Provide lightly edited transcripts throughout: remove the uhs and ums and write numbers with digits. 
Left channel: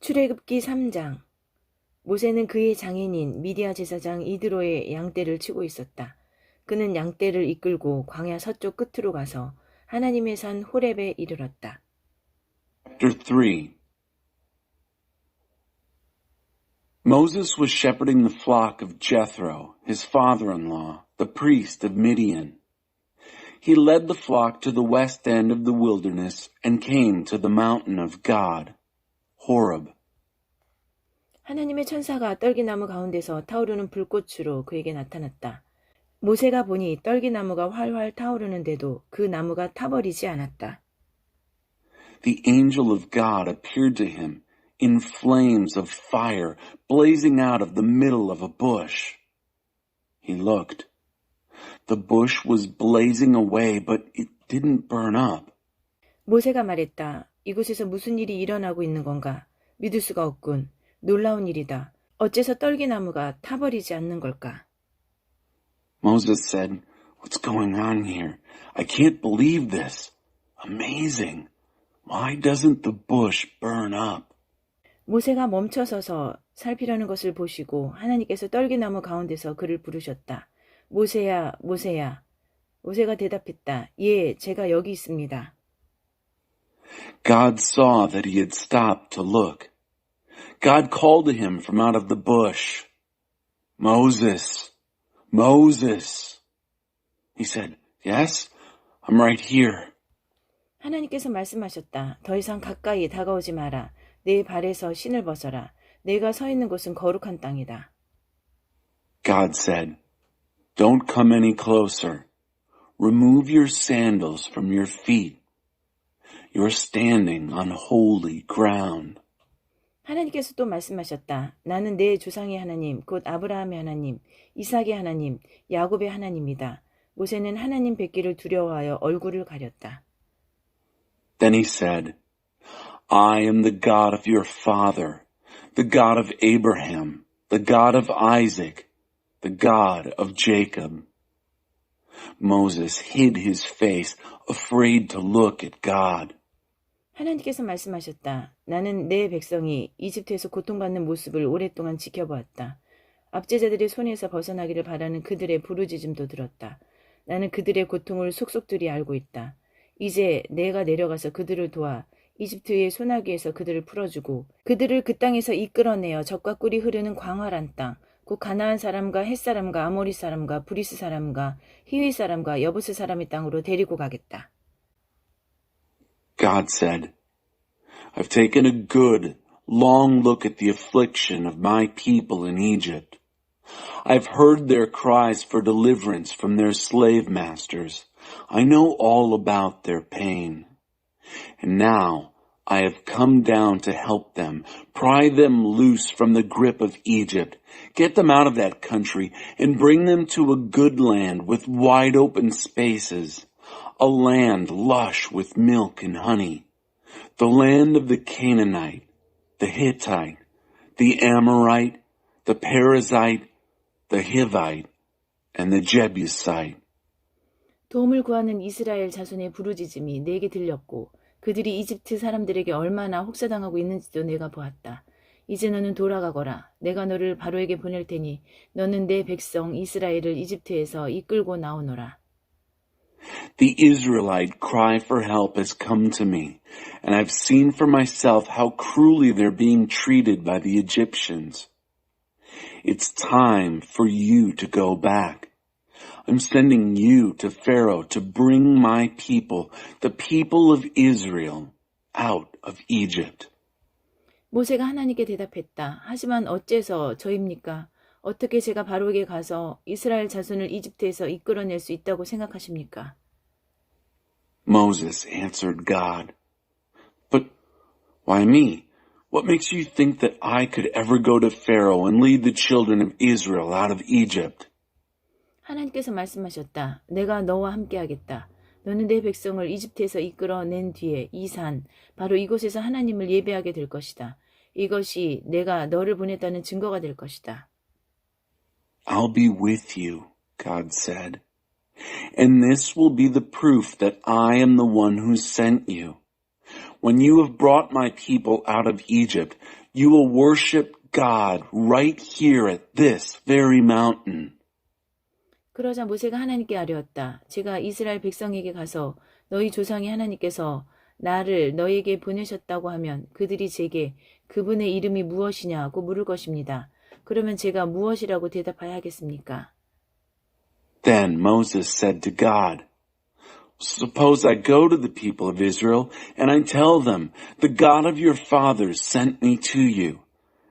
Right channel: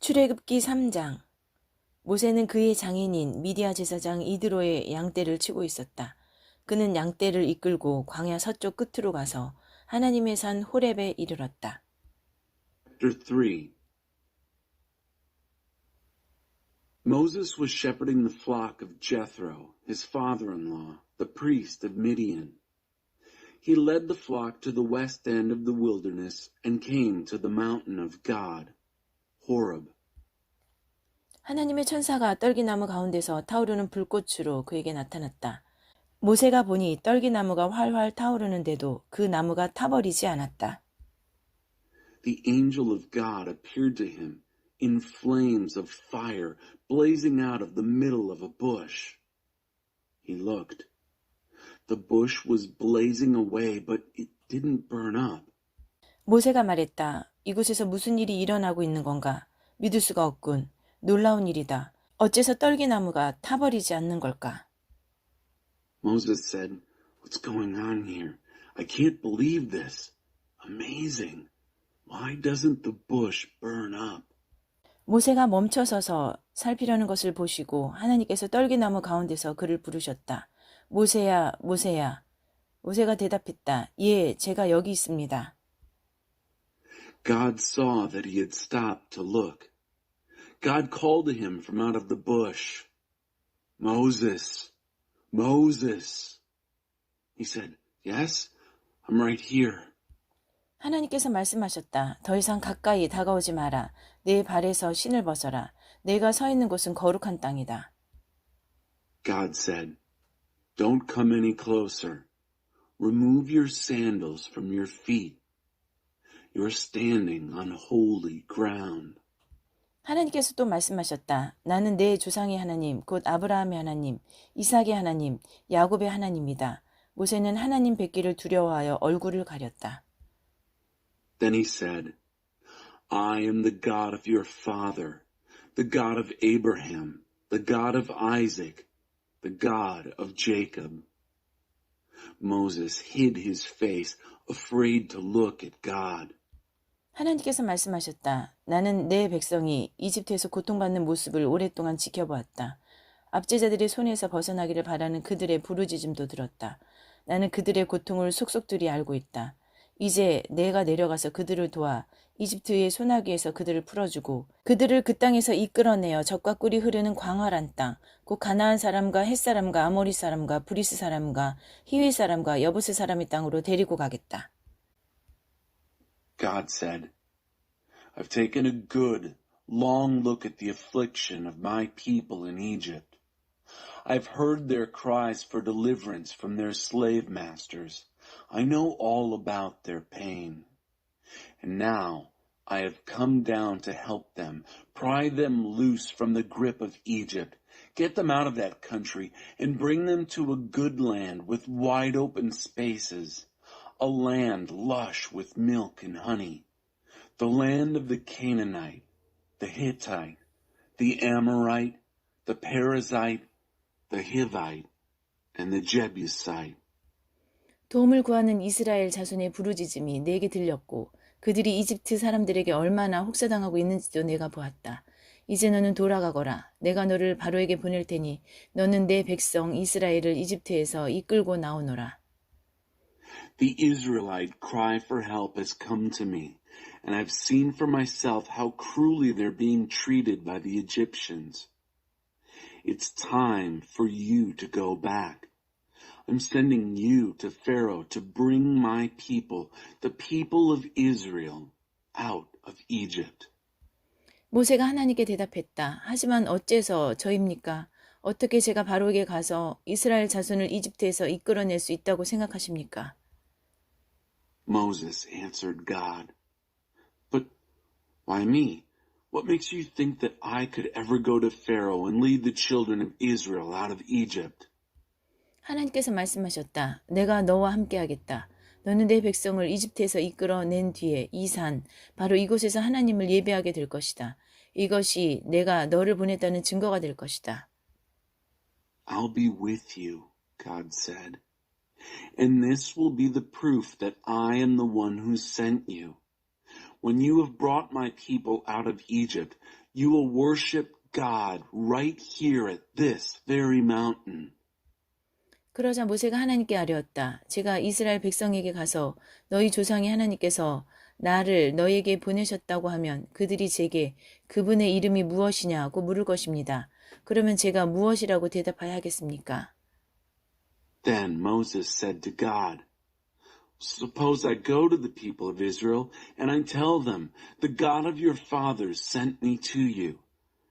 출애굽기 3장. 모세는 그의 장인인 미디아 제사장 이드로의 양떼를 치고 있었다. 그는 양떼를 이끌고 광야 서쪽 끝으로 가서 하나님의 산 호렙에 이르렀다. Chapter 3 Moses was shepherding the flock of Jethro, his father-in-law, the priest of Midian. He led the flock to the west end of the wilderness and came to the mountain of God, Horeb. 하나님의 천사가 떨기나무 가운데서 타오르는 불꽃으로 그에게 나타났다. 모세가 보니 떨기나무가 활활 타오르는데도 그 나무가 타버리지 않았다. The angel of God appeared to him in flames of fire blazing out of the middle of a bush. He looked. The bush was blazing away, but it didn't burn up. 모세가 말했다. 이곳에서 무슨 일이 일어나고 있는 건가? 믿을 수가 없군. 놀라운 일이다. 어째서 떨기나무가 타버리지 않는 걸까? Moses said, "What's going on here? I can't believe this. Amazing. Why doesn't the bush burn up?" 모세가 멈춰서서 살피려는 것을 보시고 하나님께서 떨기나무 가운데서 그를 부르셨다. 모세야, 모세야. 모세가 대답했다. 예, 제가 여기 있습니다. God saw that he had stopped to look. God called to him from out of the bush. Moses, Moses. He said, "Yes, I'm right here." 하나님께서 말씀하셨다. 더 이상 가까이 다가오지 마라. 내 발에서 신을 벗어라. 내가 서 있는 곳은 거룩한 땅이다. God said, "Don't come any closer. Remove your sandals from your feet. You're standing on holy ground." 하나님께서 또 말씀하셨다. 나는 내 조상의 하나님, 곧 아브라함의 하나님, 이삭의 하나님, 야곱의 하나님이다. 모세는 하나님 뵙기를 두려워하여 얼굴을 가렸다. Then he said, "I am the God of your father, the God of Abraham, the God of Isaac, the God of Jacob." Moses hid his face, afraid to look at God. 하나님께서 말씀하셨다. 나는 내 백성이 이집트에서 고통받는 모습을 오랫동안 지켜보았다. 압제자들의 손에서 벗어나기를 바라는 그들의 부르짖음도 들었다. 나는 그들의 고통을 속속들이 알고 있다. 이제 내가 내려가서 그들을 도와 이집트의 소나기에서 그들을 풀어주고 그들을 그 땅에서 이끌어내어 젖과 꿀이 흐르는 광활한 땅, 곧 가나안 사람과 헷 사람과 아모리 사람과 브리스 사람과 히위 사람과 여부스 사람의 땅으로 데리고 가겠다. God said, "I've taken a good, long look at the affliction of my people in Egypt. I've heard their cries for deliverance from their slave masters. I know all about their pain. And now I have come down to help them, pry them loose from the grip of Egypt, get them out of that country, and bring them to a good land with wide open spaces, a land lush with milk and honey, the land of the Canaanite, the Hittite, the Amorite, the Perizzite, the Hivite, and the Jebusite." 도움을 구하는 이스라엘 자손의 부르짖음이 내게 들렸고 그들이 이집트 사람들에게 얼마나 혹사당하고 있는지도 내가 보았다. 이제 너는 돌아가거라. 내가 너를 바로에게 보낼 테니 너는 내 백성 이스라엘을 이집트에서 이끌고 나오노라. The Israelite cry for help has come to me, and I've seen for myself how cruelly they're being treated by the Egyptians. It's time for you to go back. I'm sending you to Pharaoh to bring my people, the people of Israel, out of Egypt. 모세가 하나님께 대답했다. 하지만 어째서 저입니까? 어떻게 제가 바로에게 가서 이스라엘 자손을 이집트에서 이끌어낼 수 있다고 생각하십니까? Moses answered God, "But why me? What makes you think that I could ever go to Pharaoh and lead the children of Israel out of Egypt?" 하나님께서 말씀하셨다. 내가 너와 함께하겠다. 너는 내 백성을 이집트에서 이끌어낸 뒤에 이 산, 바로 이곳에서 하나님을 예배하게 될 것이다. 이것이 내가 너를 보냈다는 증거가 될 것이다. "I'll be with you," God said, "and this will be the proof that I am the one who sent you. when you have brought my people out of Egypt, you will worship God right here at this very mountain. 그러자 모세가 하나님께 아뢰었다. 제가 이스라엘 백성에게 가서 너희 조상의 하나님께서 나를 너에게 보내셨다고 하면 그들이 제게 그분의 이름이 무엇이냐고 물을 것입니다. 그러면 제가 무엇이라고 대답해야 하겠습니까? Then Moses said to God, Suppose I go to the people of Israel and I tell them, the God of your fathers sent me to you.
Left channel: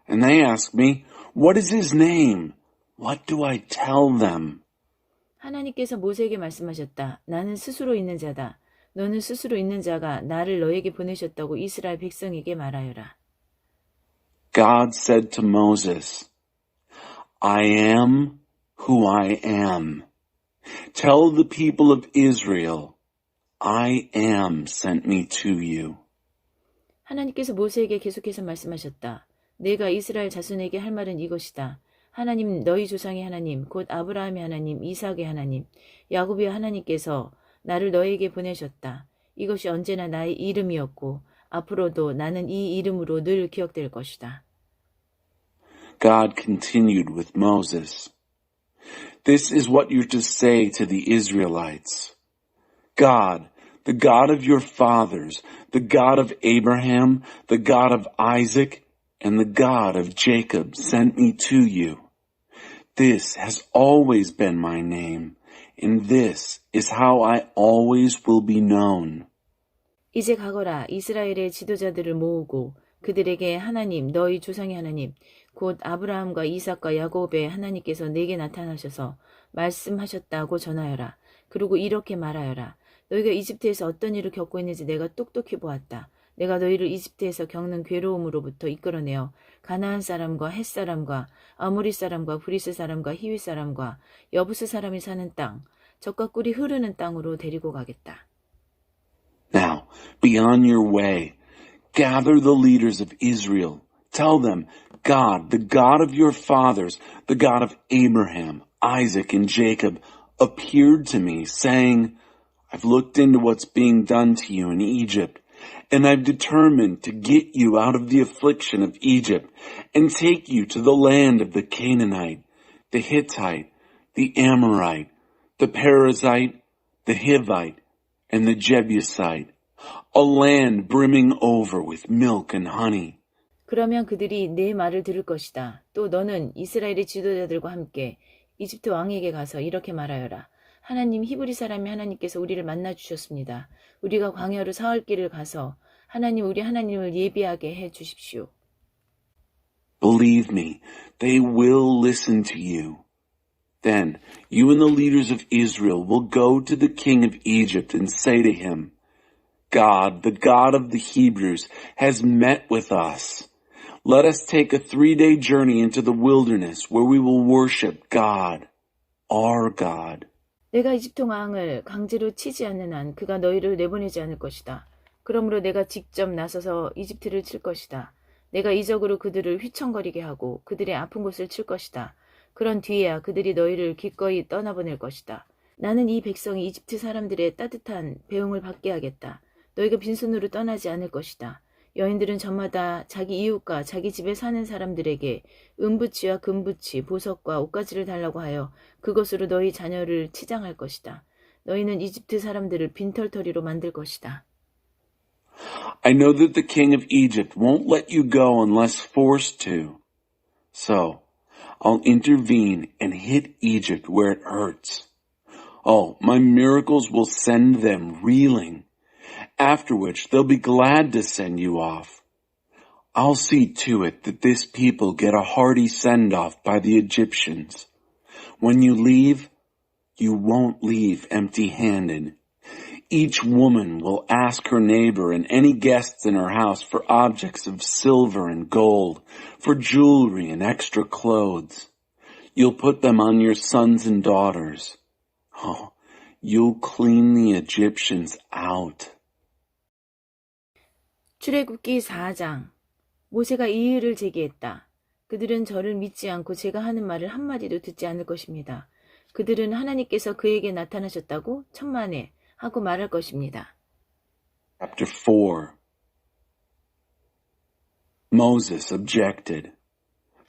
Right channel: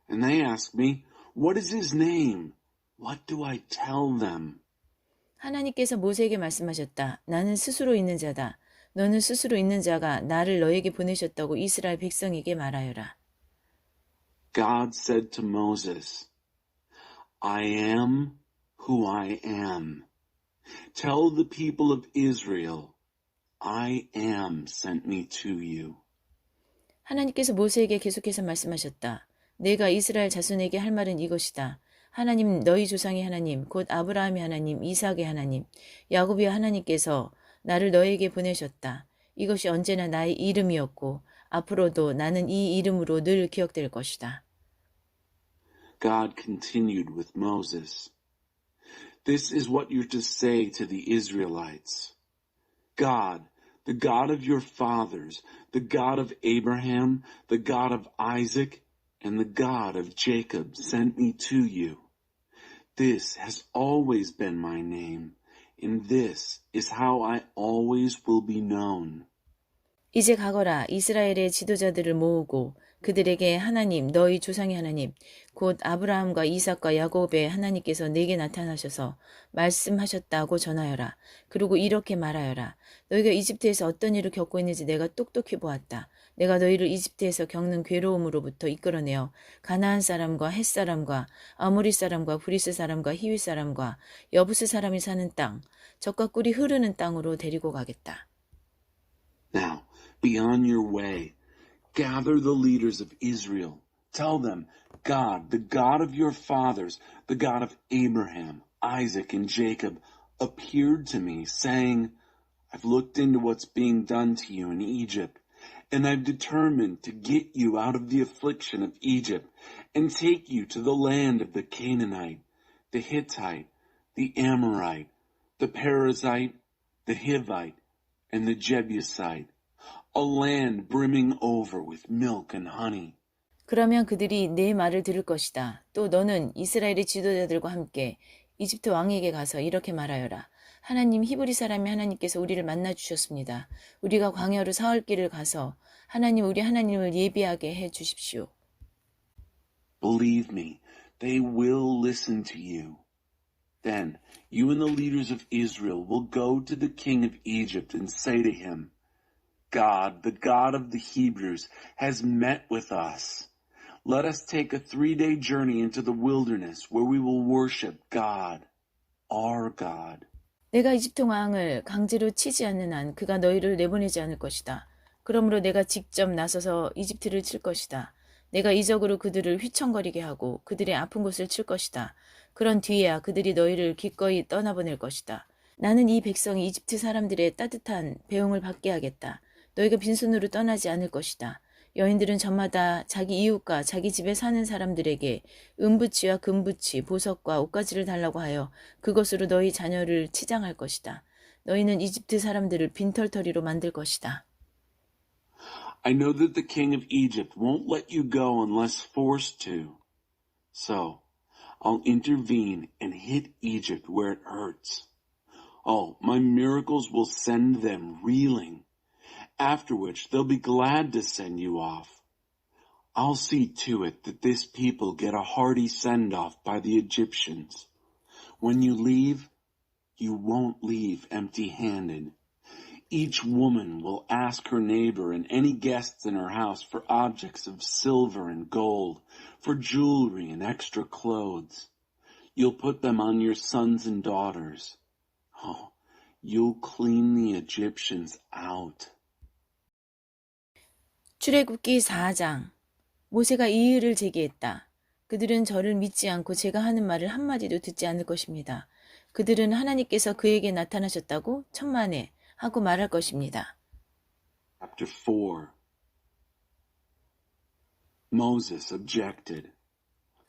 And they ask me, What is his name? What do I tell them? 하나님께서 모세에게 말씀하셨다. 나는 스스로 있는 자다. 너는 스스로 있는 자가 나를 너에게 보내셨다고 이스라엘 백성에게 말하여라. God said to Moses, I am who I am. Tell the people of Israel, I am sent me to you. 하나님께서 모세에게 계속해서 말씀하셨다. 내가 이스라엘 자손에게 할 말은 이것이다. 하나님 너희 조상의 하나님 곧 아브라함의 하나님 이삭의 하나님 야곱의 하나님께서 나를 너에게 보내셨다. 이것이 언제나 나의 이름이었고 앞으로도 나는 이 이름으로 늘 기억될 것이다. God continued with Moses. This is what you're to say to the Israelites. God, the God of your fathers, the God of Abraham, the God of Isaac, and the God of Jacob sent me to you. This has always been my name, and this is how I always will be known. 이제 가거라 이스라엘의 지도자들을 모으고 그들에게 하나님 너희 조상의 하나님 곧 아브라함과 이삭과 야곱의 하나님께서 내게 나타나셔서 말씀하셨다고 전하여라. 그리고 이렇게 말하여라. 너희가 이집트에서 어떤 일을 겪고 있는지 내가 똑똑히 보았다. 내가 너희를 이집트에서 겪는 괴로움으로부터 이끌어내어 가나안 사람과 헷 사람과 아모리 사람과 브리스 사람과 히위 사람과 여부스 사람이 사는 땅, 젖과 꿀이 흐르는 땅으로 데리고 가겠다. Now, be on your way. Gather the leaders of Israel. Tell them, God, the God of your fathers, the God of Abraham, Isaac, and Jacob, appeared to me, saying, I've looked into what's being done to you in Egypt, and I've determined to get you out of the affliction of Egypt and take you to the land of the Canaanite, the Hittite, the Amorite, the Perizzite, the Hivite, and the Jebusite, a land brimming over with milk and honey. 그러면 그들이 내 말을 들을 것이다. 또 너는 이스라엘의 지도자들과 함께 이집트 왕에게 가서 이렇게 말하여라. 하나님 히브리 사람의 하나님께서 우리를 만나 주셨습니다. 우리가 광야로 사흘 길을 가서 하나님 우리 하나님을 예비하게 해 주십시오. Believe me, they will listen to you. Then you and the leaders of Israel will go to the king of Egypt and say to him, God, the God of the Hebrews, has met with us. Let us take a 3-day journey into the wilderness where we will worship God, our God. 내가 이집트 왕을 강제로 치지 않는 한 그가 너희를 내보내지 않을 것이다. 그러므로 내가 직접 나서서 이집트를 칠 것이다. 내가 이적으로 그들을 휘청거리게 하고 그들의 아픈 곳을 칠 것이다. 그런 뒤에야 그들이 너희를 기꺼이 떠나보낼 것이다. 나는 이 백성이 이집트 사람들의 따뜻한 배웅을 받게 하겠다. 너희가 빈손으로 떠나지 않을 것이다. 여인들은 저마다 자기 이웃과 자기 집에 사는 사람들에게 은부치와 금부치, 보석과 옷가지를 달라고 하여 그것으로 너희 자녀를 치장할 것이다. 너희는 이집트 사람들을 빈털터리로 만들 것이다. I know that the king of Egypt won't let you go unless forced to. So, I'll intervene and hit Egypt where it hurts. Oh, my miracles will send them reeling. After which they'll be glad to send you off. I'll see to it that this people get a hearty send-off by the Egyptians. When you leave, you won't leave empty-handed. Each woman will ask her neighbor and any guests in her house for objects of silver and gold, for jewelry and extra clothes. You'll put them on your sons and daughters. Oh, you'll clean the Egyptians out. 출애굽기 4장. 모세가 이 일을 제기했다. 그들은 저를 믿지 않고 제가 하는 말을 한마디도 듣지 않을 것입니다. 그들은 하나님께서 그에게 나타나셨다고 천만에 하고 말할 것입니다. Chapter 4. Moses objected.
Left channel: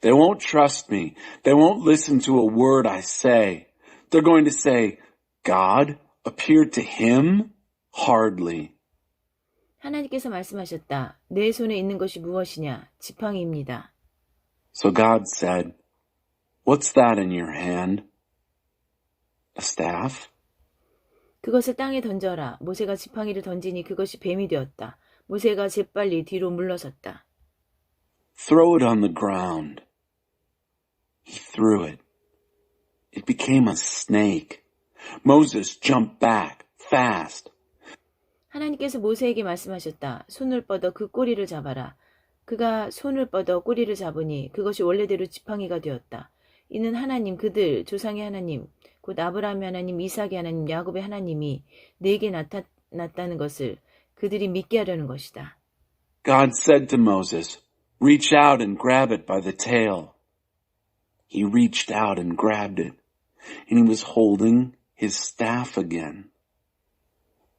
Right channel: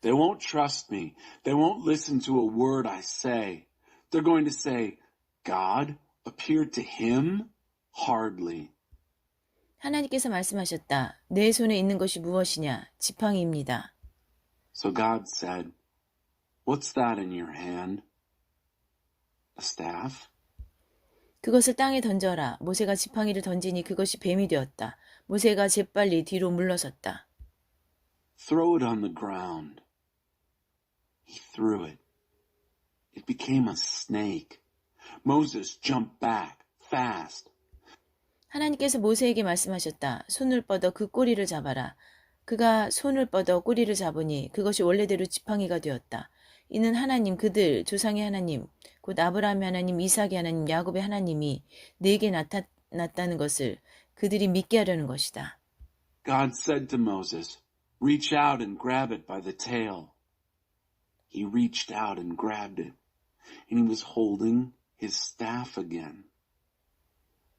They won't trust me. They won't listen to a word I say. They're going to say, God appeared to him? Hardly. 하나님께서 말씀하셨다. 내 손에 있는 것이 무엇이냐? 지팡이입니다. So God said, What's that in your hand? A staff? 그것을 땅에 던져라. 모세가 지팡이를 던지니 그것이 뱀이 되었다. 모세가 재빨리 뒤로 물러섰다. Throw it on the ground. He threw it. It became a snake. Moses jumped back, fast. 하나님께서 모세에게 말씀하셨다. 손을 뻗어 그 꼬리를 잡아라. 그가 손을 뻗어 꼬리를 잡으니 그것이 원래대로 지팡이가 되었다. 이는 하나님, 그들 조상의 하나님, 곧 아브라함의 하나님, 이삭의 하나님, 야곱의 하나님이 내게 나타났다는 것을 그들이 믿게 하려는 것이다. God said to Moses, Reach out and grab it by the tail. He reached out and grabbed it, and he was holding his staff again.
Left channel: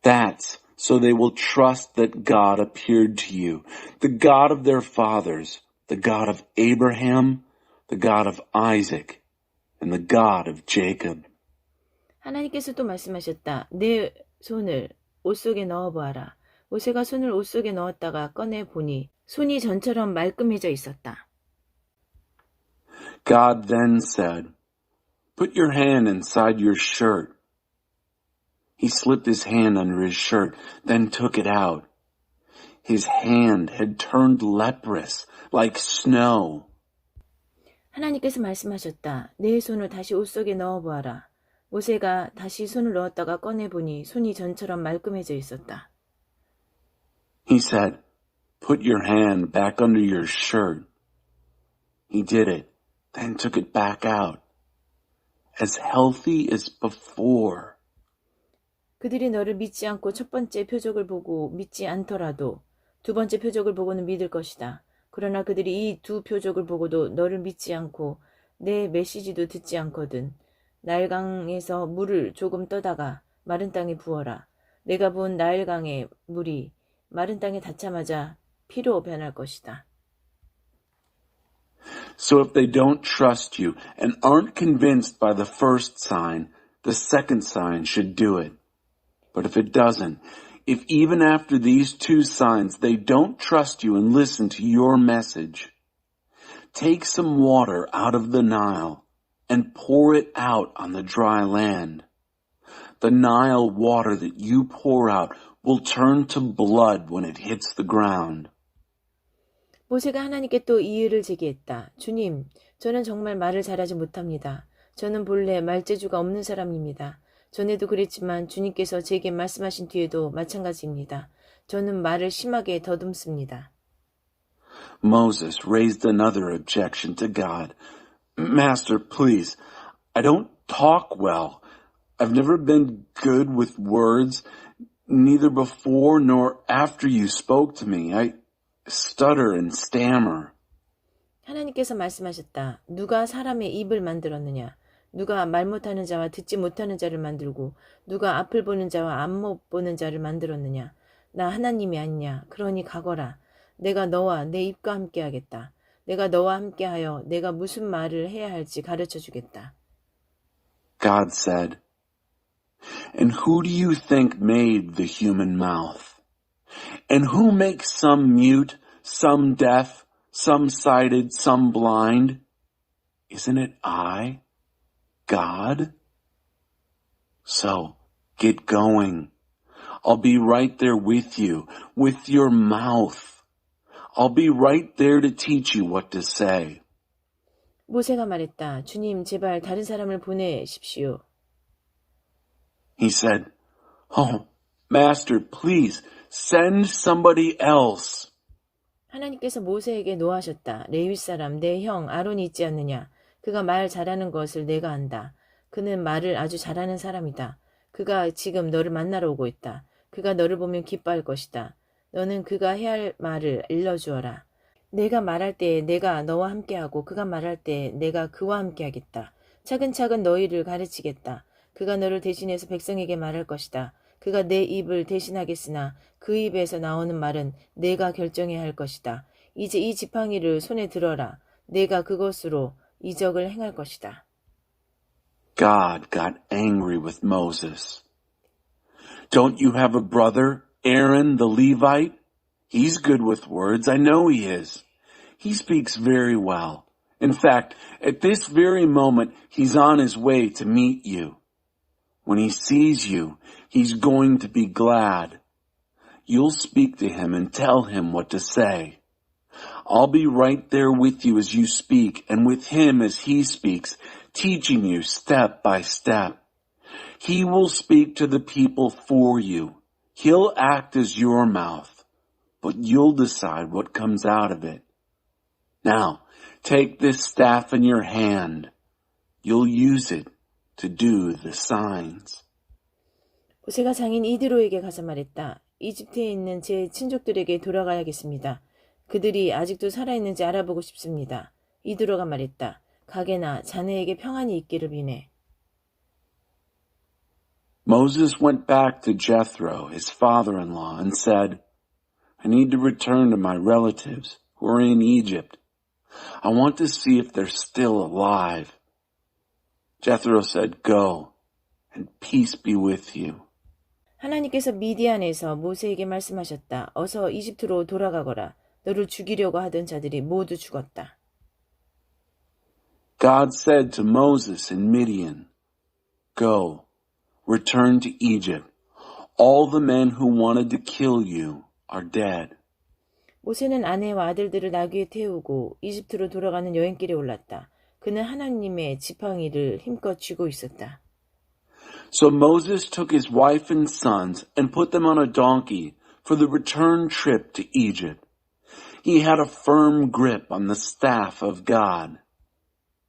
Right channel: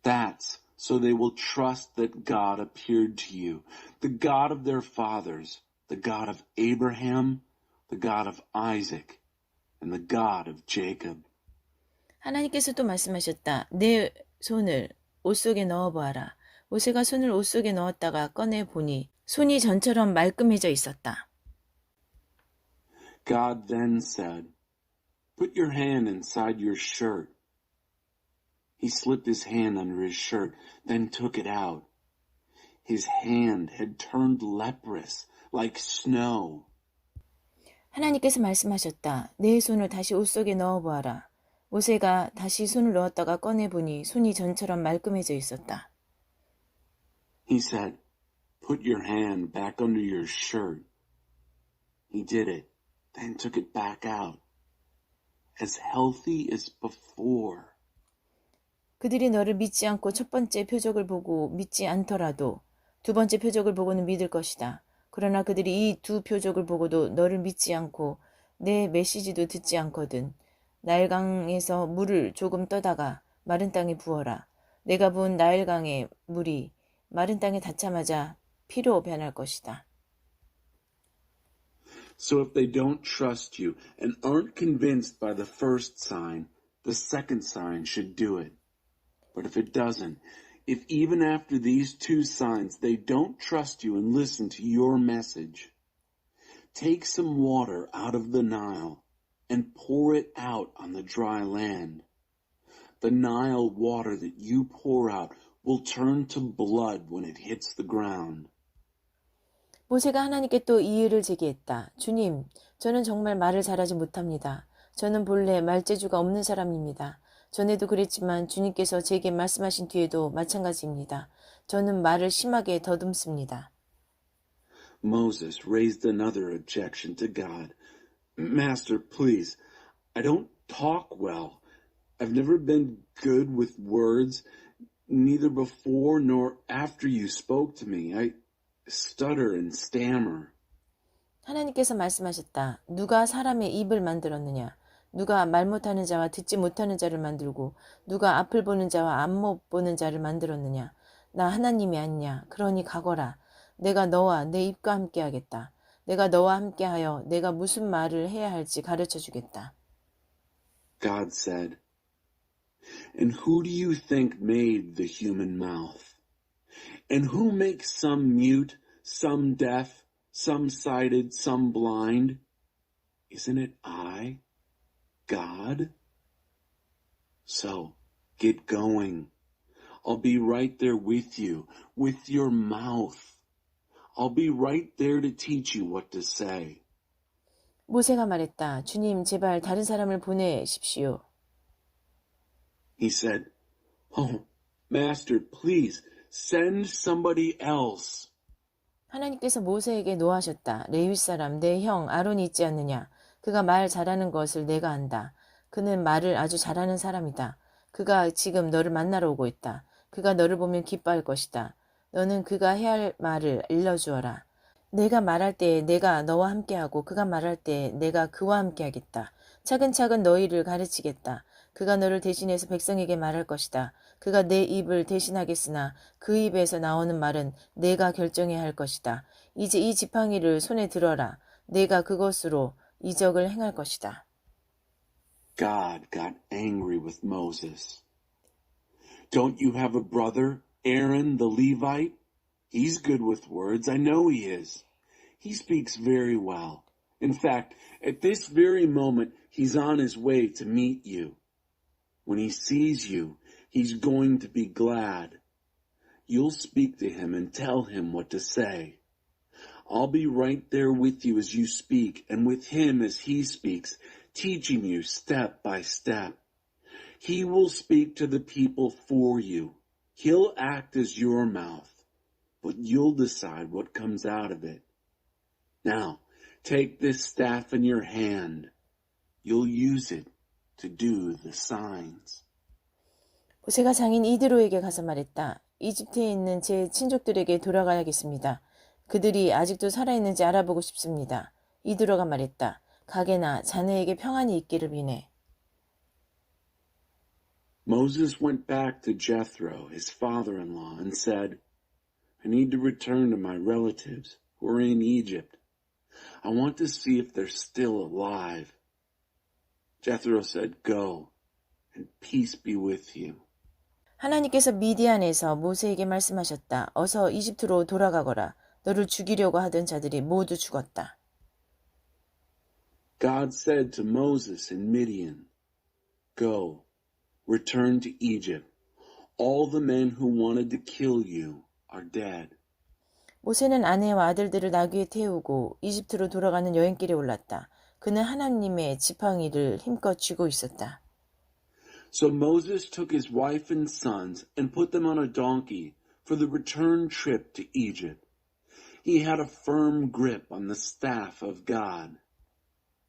That's so they will trust that God appeared to you, the God of their fathers, the God of Abraham, the God of Isaac, and the God of Jacob. 하나님께서 또 말씀하셨다. 내 손을 옷 속에 넣어보아라. 모세가 손을 옷 속에 넣었다가 꺼내보니 손이 전처럼 말끔해져 있었다. God then said, Put your hand inside your shirt. He slipped his hand under his shirt, then took it out. His hand had turned leprous, like snow. 하나님께서 말씀하셨다. 내 손을 다시 옷 속에 넣어보아라. 모세가 다시 손을 넣었다가 꺼내보니 손이 전처럼 말끔해져 있었다. He said, Put your hand back under your shirt. He did it, then took it back out, as healthy as before. 그들이 너를 믿지 않고 첫 번째 표적을 보고 믿지 않더라도 두 번째 표적을 보고는 믿을 것이다. 그러나 그들이 이 두 표적을 보고도 너를 믿지 않고 내 메시지도 듣지 않거든. 나일강에서 물을 조금 떠다가 마른 땅에 부어라. 내가 부은 나일강의 물이 마른 땅에 닿자마자 피로 변할 것이다. So if they don't trust you and aren't convinced by the first sign, the second sign should do it. But if it doesn't, if even after these two signs they don't trust you and listen to your message, take some water out of the Nile and pour it out on the dry land. The Nile water that you pour out will turn to blood when it hits the ground. 모세가 하나님께 또 이의를 제기했다. 주님, 저는 정말 말을 잘하지 못합니다. 저는 본래 말재주가 없는 사람입니다. 전에도 그랬지만 주님께서 제게 말씀하신 뒤에도 마찬가지입니다. 저는 말을 심하게 더듬습니다. Moses raised another objection to God. Master, please, I don't talk well. I've never been good with words, neither before nor after you spoke to me. I stutter and stammer. 하나님께서 말씀하셨다. 누가 사람의 입을 만들었느냐? 누가 말 못하는 자와 듣지 못하는 자를 만들고 누가 앞을 보는 자와 앞 못 보는 자를 만들었느냐? 나 하나님이 아니냐? 그러니 가거라. 내가 너와 내 입과 함께 하겠다. 내가 너와 함께하여 내가 무슨 말을 해야 할지 가르쳐 주겠다. God said, And who do you think made the human mouth? And who makes some mute, some deaf, some sighted, some blind? Isn't it I, God? So, get going. I'll be right there with you, with your mouth. I'll be right there to teach you what to say. 모세가 말했다. 주님, 제발 다른 사람을 보내십시오. He said, Oh, Master, please, send somebody else. 하나님께서 모세에게 노하셨다. 레위 사람 내 형 아론이 있지 않느냐? 그가 말 잘하는 것을 내가 안다. 그는 말을 아주 잘하는 사람이다. 그가 지금 너를 만나러 오고 있다. 그가 너를 보면 기뻐할 것이다. 너는 그가 해야 할 말을 일러주어라. 내가 말할 때 내가 너와 함께하고 그가 말할 때 내가 그와 함께하겠다. 차근차근 너희를 가르치겠다. 그가 너를 대신해서 백성에게 말할 것이다. 그가 내 입을 대신하겠으나 그 입에서 나오는 말은 내가 결정해야 할 것이다. 이제 이 지팡이를 손에 들어라. 내가 그것으로 이적을 행할 것이다. God got angry with Moses. Don't you have a brother, Aaron the Levite? He's good with words. I know he is. He speaks very well. In fact, at this very moment, he's on his way to meet you. When he sees you, he's going to be glad. You'll speak to him and tell him what to say. I'll be right there with you as you speak and with him as he speaks, teaching you step by step. He will speak to the people for you. He'll act as your mouth, but you'll decide what comes out of it. Now, take this staff in your hand. You'll use it to do the signs. 모세가 장인 이드로에게 가서 말했다. 이집트에 있는 제 친족들에게 돌아가야겠습니다. 그들이 아직도 살아있는지 알아보고 싶습니다. 이드로가 말했다. 가게나 자네에게 평안이 있기를 비네. Moses went back to Jethro, his father-in-law, and said, I need to return to my relatives who are in Egypt. I want to see if they're still alive. Jethro said, Go, and peace be with you. 하나님께서 미디안에서 모세에게 말씀하셨다. 어서 이집트로 돌아가거라. 너를 죽이려고 하던 자들이 모두 죽었다. God said to Moses in Midian, Go, return to Egypt. All the men who wanted to kill you are dead. 모세는 아내와 아들들을 나귀에 태우고 이집트로 돌아가는 여행길에 올랐다. 그는 하나님의 지팡이를 힘껏 쥐고 있었다. So Moses took his wife and sons and put them on a donkey for the return trip to Egypt. He had a firm grip on the staff of God.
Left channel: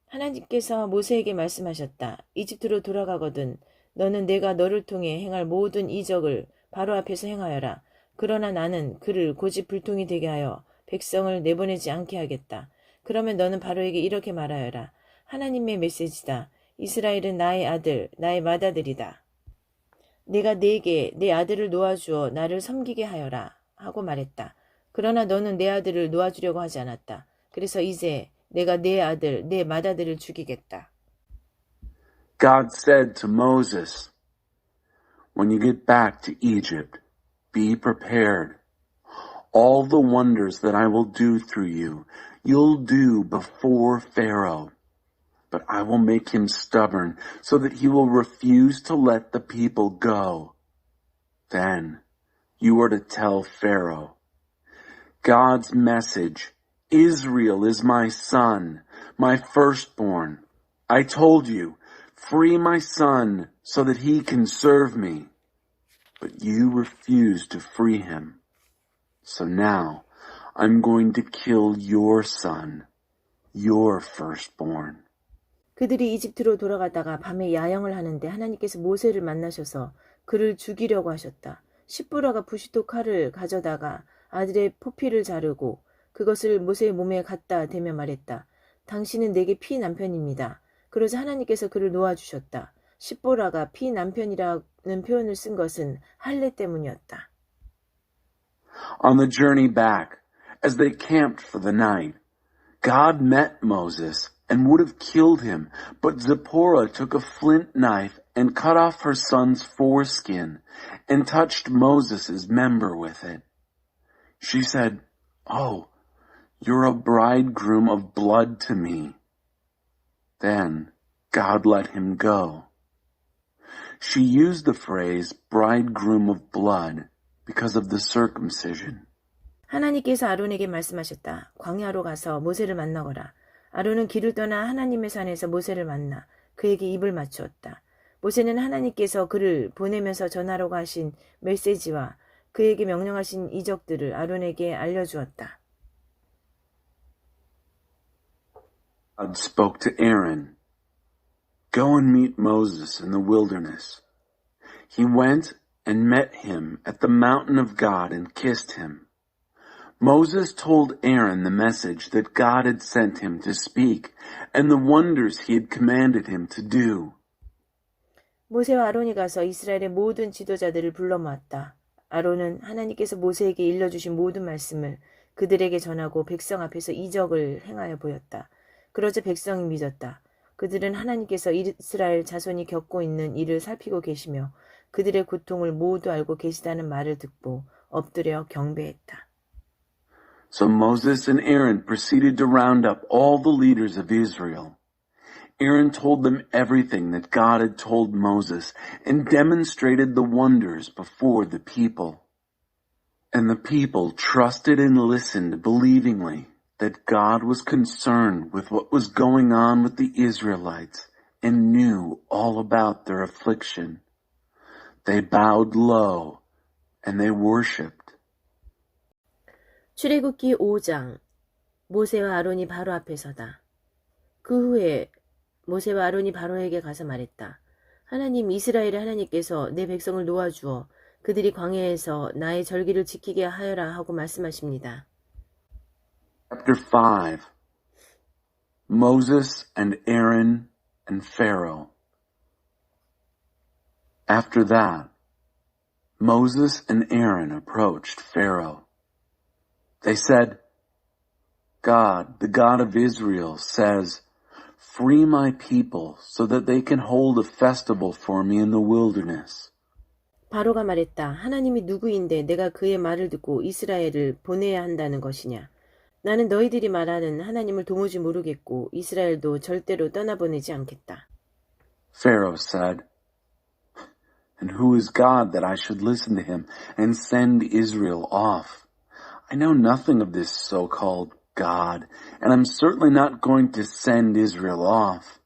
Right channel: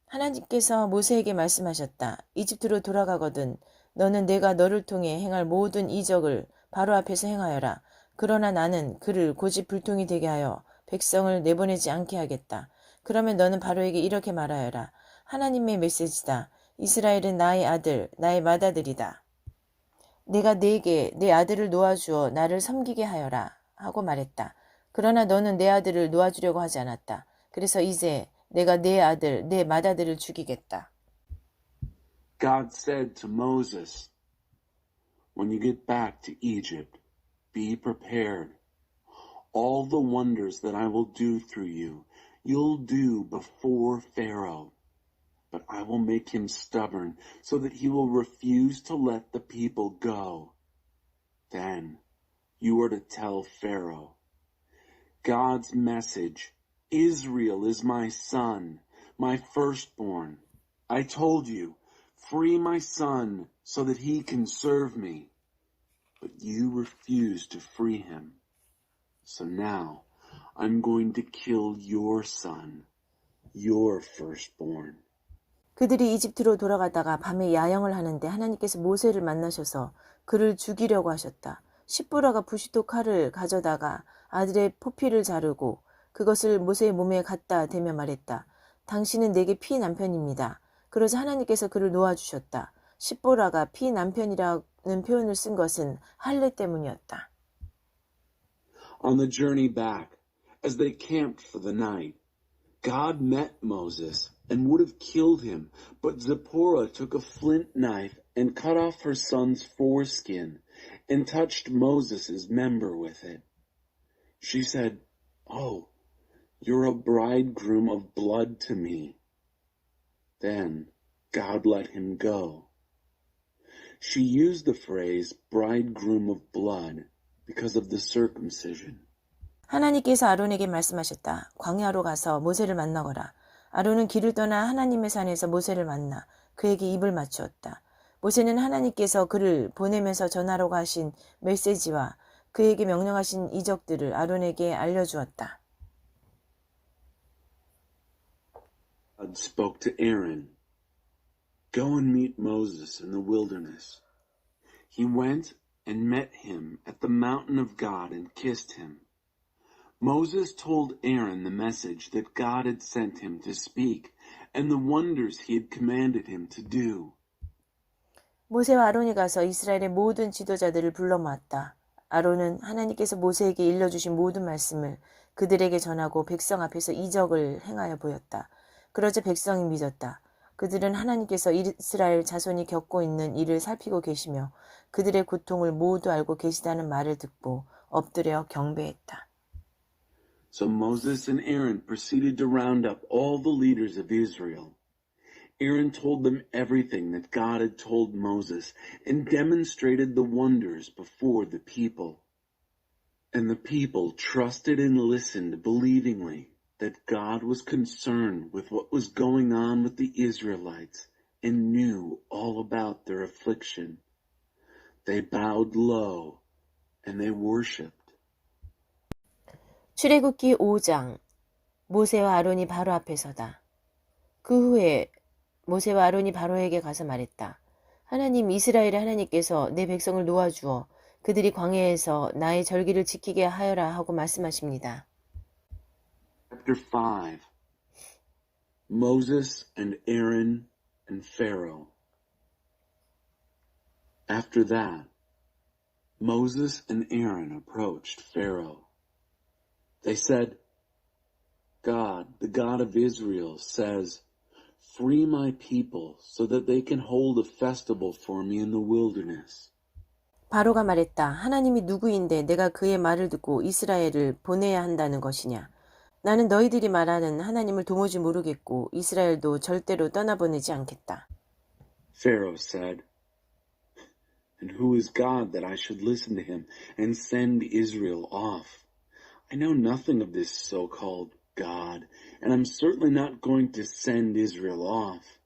하나님께서 모세에게 말씀하셨다. 이집트로 돌아가거든 너는 내가 너를 통해 행할 모든 이적을 바로 앞에서 행하여라. 그러나 나는 그를 고집불통이 되게 하여 백성을 내보내지 않게 하겠다. 그러면 너는 바로에게 이렇게 말하여라. 하나님의 메시지다. 이스라엘은 나의 아들, 나의 맏아들이다. 내가 네게 내 아들을 놓아주어 나를 섬기게 하여라 하고 말했다. 그러나 너는 내 아들을 놓아주려고 하지 않았다. 그래서 이제 내가 내 아들, 내 맏아들을 죽이겠다. God said to Moses, When you get back to Egypt, be prepared. All the wonders that I will do through you, you'll do before Pharaoh. But I will make him stubborn so that he will refuse to let the people go. Then you are to tell Pharaoh, God's message, Israel is my son, my firstborn. I told you, free my son so that he can serve me. But you refused to free him. So now I'm going to kill your son, your firstborn. 그들이 이집트로 돌아가다가 밤에 야영을 하는데 하나님께서 모세를 만나셔서 그를 죽이려고 하셨다. 십부라가 부시도 칼을 가져다가 아들의 포피를 자르고 그것을 모세의 몸에 갖다 대며 말했다. 당신은 내게 피 남편입니다. 그러자 하나님께서 그를 놓아주셨다. 십보라가 피 남편이라는 표현을 쓴 것은 할례 때문이었다. On the journey back, as they camped for the night, God met Moses and would have killed him, but Zipporah took a flint knife and cut off her son's foreskin and touched Moses' member with it. She said, Oh, you're a bridegroom of blood to me. Then God let him go. She used the phrase bridegroom of blood because of the circumcision. 하나님께서 아론에게 말씀하셨다. 광야로 가서 모세를 만나거라. 아론은 길을 떠나 하나님의 산에서 모세를 만나 그에게 입을 맞추었다. 모세는 하나님께서 그를 보내면서 전하라고 하신 메시지와 그에게 명령하신 이적들을 아론에게 알려주었다. God spoke to Aaron, Go and meet Moses in the wilderness. He went and met him at the mountain of God and kissed him. Moses told Aaron the message that God had sent him to speak and the wonders he had commanded him to do. 모세와 아론이 가서 이스라엘의 모든 지도자들을 불러 모았다. 아론은 하나님께서 모세에게 일러주신 모든 말씀을 그들에게 전하고 백성 앞에서 이적을 행하여 보였다. 그러자 백성이 믿었다. 그들은 하나님께서 이스라엘 자손이 겪고 있는 일을 살피고 계시며 그들의 고통을 모두 알고 계시다는 말을 듣고 엎드려 경배했다. So Moses and Aaron proceeded to round up all the leaders of Israel. Aaron told them everything that God had told Moses and demonstrated the wonders before the people. And the people trusted and listened believingly that God was concerned with what was going on with the Israelites and knew all about their affliction. They bowed low and they worshipped. 출애굽기 5장. 모세와 아론이 바로 앞에 서다. 그 후에 모세와 아론이 바로에게 가서 말했다. 하나님, 이스라엘의 하나님께서 내 백성을 놓아주어 그들이 광야에서 나의 절기를 지키게 하여라 하고 말씀하십니다. Chapter 5. Moses and Aaron and Pharaoh. After that, Moses and Aaron approached Pharaoh. They said, God, the God of Israel, says, free my people so that they can hold a festival for me in the wilderness. 바로가 말했다. 하나님이 누구인데 내가 그의 말을 듣고 이스라엘을 보내야 한다는 것이냐. 나는 너희들이 말하는 하나님을 도무지 모르겠고 이스라엘도 절대로 떠나보내지 않겠다. Pharaoh said, And who is God that I should listen to him and send Israel off? I know nothing of this so-called God, and I'm certainly not going to send Israel off.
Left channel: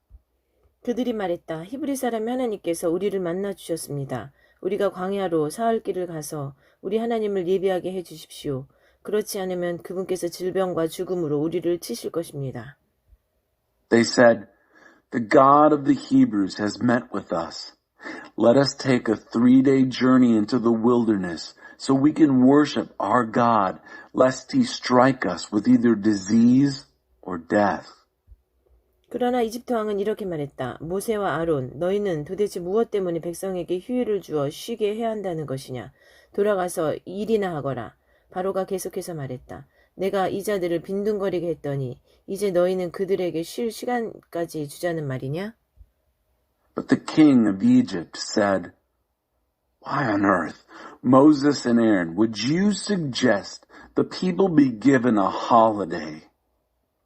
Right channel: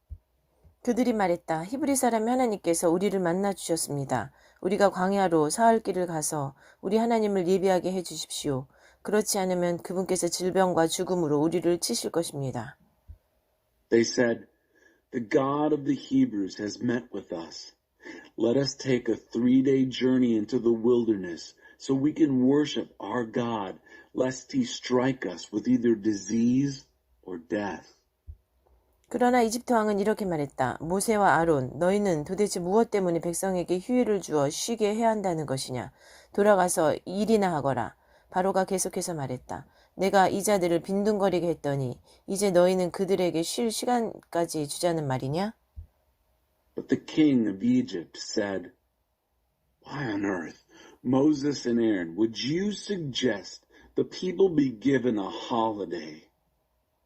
그들이 말했다. 히브리 사람의 하나님께서 우리를 만나 주셨습니다. 우리가 광야로 사흘 길을 가서 우리 하나님을 예비하게 해 주십시오. 그렇지 않으면 그분께서 질병과 죽음으로 우리를 치실 것입니다. They said, The God of the Hebrews has met with us. Let us take a 3-day journey into the wilderness so we can worship our God, lest he strike us with either disease or death. 그러나 이집트 왕은 이렇게 말했다. 모세와 아론, 너희는 도대체 무엇 때문에 백성에게 휴일을 주어 쉬게 해야 한다는 것이냐. 돌아가서 일이나 하거라. 바로가 계속해서 말했다. 내가 이 자들을 빈둥거리게 했더니 이제 너희는 그들에게 쉴 시간까지 주자는 말이냐? But the king of Egypt said, Why on earth, Moses and Aaron, would you suggest the people be given a holiday?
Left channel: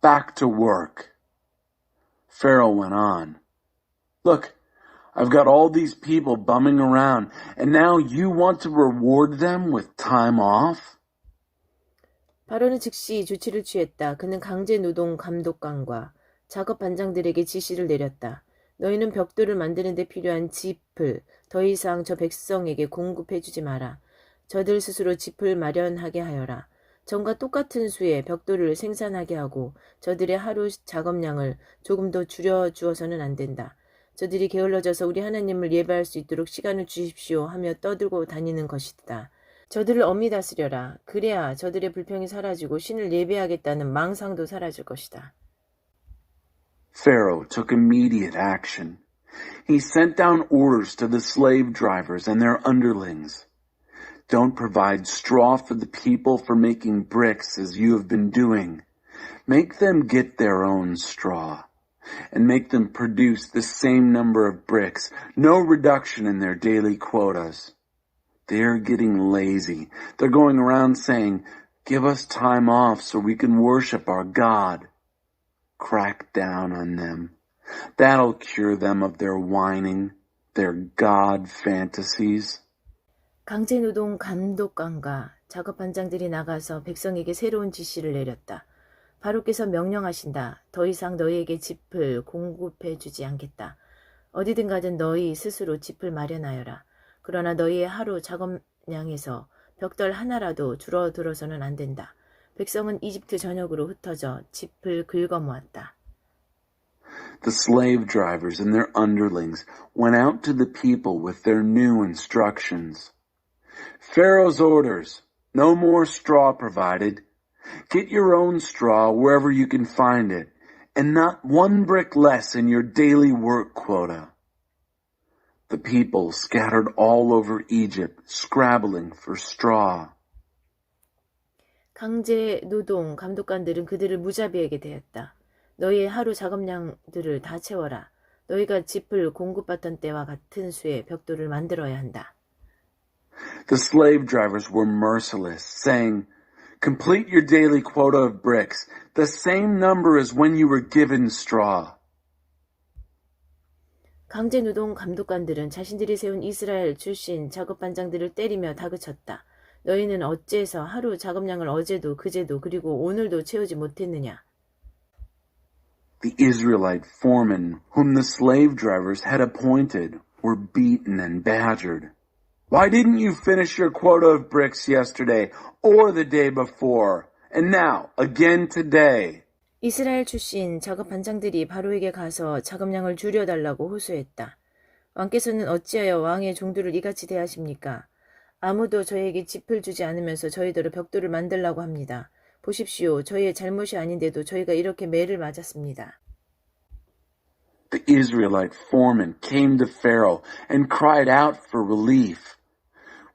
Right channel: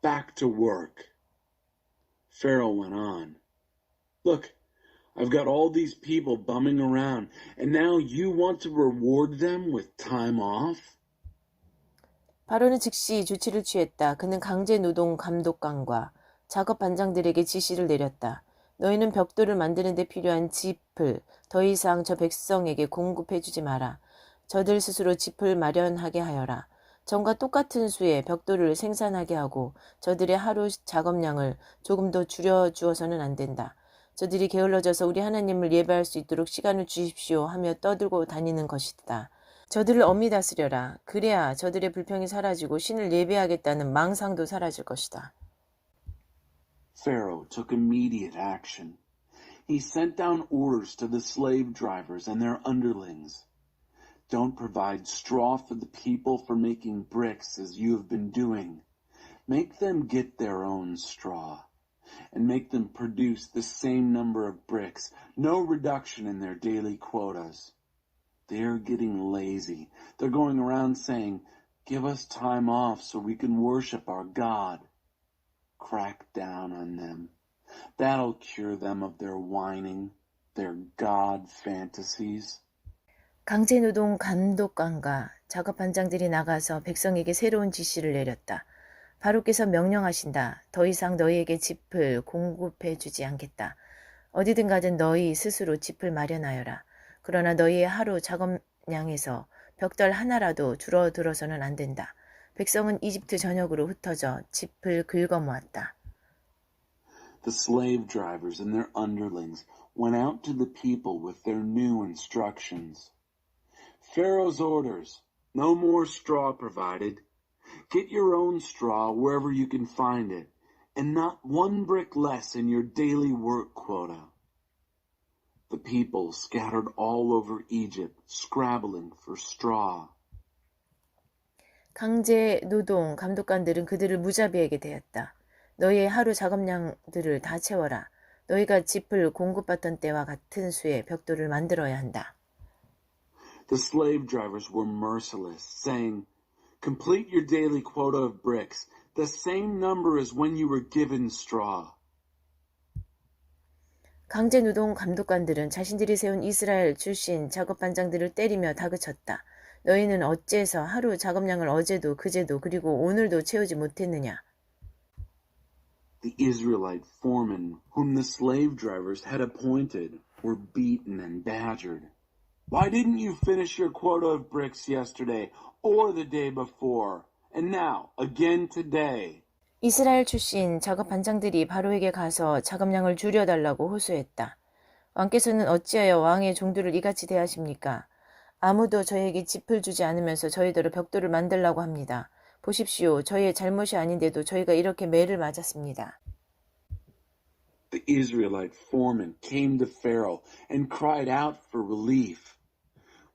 Back to work. Pharaoh went on. Look, I've got all these people bumming around, and now you want to reward them with time off? 바로는 즉시 조치를 취했다. 그는 강제 노동 감독관과 작업 반장들에게 지시를 내렸다. 너희는 벽돌을 만드는 데 필요한 짚을 더 이상 저 백성에게 공급해 주지 마라. 저들 스스로 짚을 마련하게 하여라. 전과 똑같은 수의 벽돌을 생산하게 하고 저들의 하루 작업량을 조금 더 줄여주어서는 안 된다. 저들이 게을러져서 우리 하나님을 예배할 수 있도록 시간을 주십시오 하며 떠들고 다니는 것이다. 저들을 엄히 다스려라. 그래야 저들의 불평이 사라지고 신을 예배하겠다는 망상도 사라질 것이다. Pharaoh took immediate action. He sent down orders to the slave drivers and their underlings. Don't provide straw for the people for making bricks as you have been doing. Make them get their own straw and make them produce the same number of bricks. No reduction in their daily quotas. They're getting lazy. They're going around saying, Give us time off so we can worship our God. Crack down on them. That'll cure them of their whining, their God fantasies. 강제노동 감독관과 작업 반장들이 나가서 백성에게 새로운 지시를 내렸다. 바로께서 명령하신다. 더 이상 너희에게 짚을 공급해 주지 않겠다. 어디든 가든 너희 스스로 짚을 마련하여라. 그러나 너희의 하루 작업량에서 벽돌 하나라도 줄어들어서는 안 된다. 백성은 이집트 전역으로 흩어져 짚을 긁어 모았다. The slave drivers and their underlings went out to the people with their new instructions. Pharaoh's orders, no more straw provided. Get your own straw wherever you can find it, and not one brick less in your daily work quota. the people scattered all over Egypt, scrabbling for straw. 강제 노동 감독관들은 그들을 무자비하게 대했다. 너희의 하루 작업량들을 다 채워라. 너희가 짚을 공급받던 때와 같은 수의 벽돌을 만들어야 한다. The slave drivers were merciless, saying, "Complete your daily quota of bricks, the same number as when you were given straw." 강제 노동 감독관들은 자신들이 세운 이스라엘 출신 작업반장들을 때리며 다그쳤다. 너희는 어째서 하루 작업량을 어제도 그제도 그리고 오늘도 채우지 못했느냐? The Israelite foremen, whom the slave drivers had appointed, were beaten and badgered. "Why didn't you finish your quota of bricks yesterday or the day before? And now, again today." 이스라엘 출신 작업반장들이 바로에게 가서 작업량을 줄여달라고 호소했다. 왕께서는 어찌하여 왕의 종들을 이같이 대하십니까? 아무도 저희에게 짚을 주지 않으면서 저희대로 벽돌을 만들라고 합니다. 보십시오. 저희의 잘못이 아닌데도 저희가 이렇게 매를 맞았습니다. The Israelite foreman came to Pharaoh and cried out for relief.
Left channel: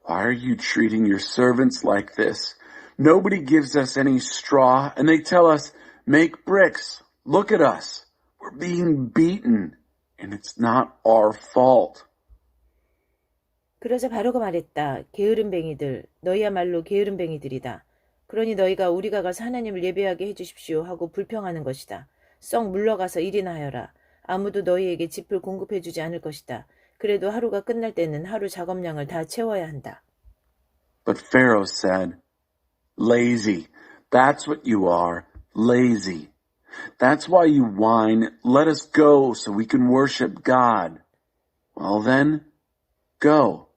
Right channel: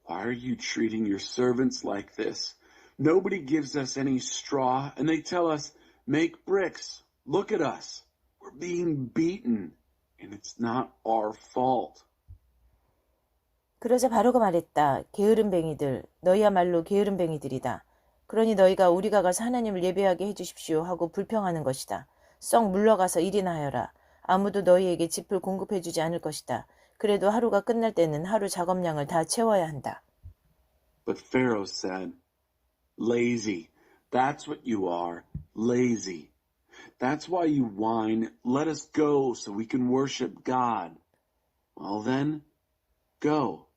"Why are you treating your servants like this? Nobody gives us any straw, and they tell us, 'Make bricks. Look at us. We're being beaten, and it's not our fault.'" 그러자 바로가 말했다. 게으름뱅이들, 너희야말로 게으름뱅이들이다. 그러니 너희가 우리가 가서 하나님을 예배하게 해주십시오 하고 불평하는 것이다. 썩 물러가서 일이나 하여라. 아무도 너희에게 짚을 공급해주지 않을 것이다. 그래도 하루가 끝날 때는 하루 작업량을 다 채워야 한다. But Pharaoh said, "Lazy. That's what you are. Lazy. That's why you whine, 'Let us go so we can worship God.' Well then, go.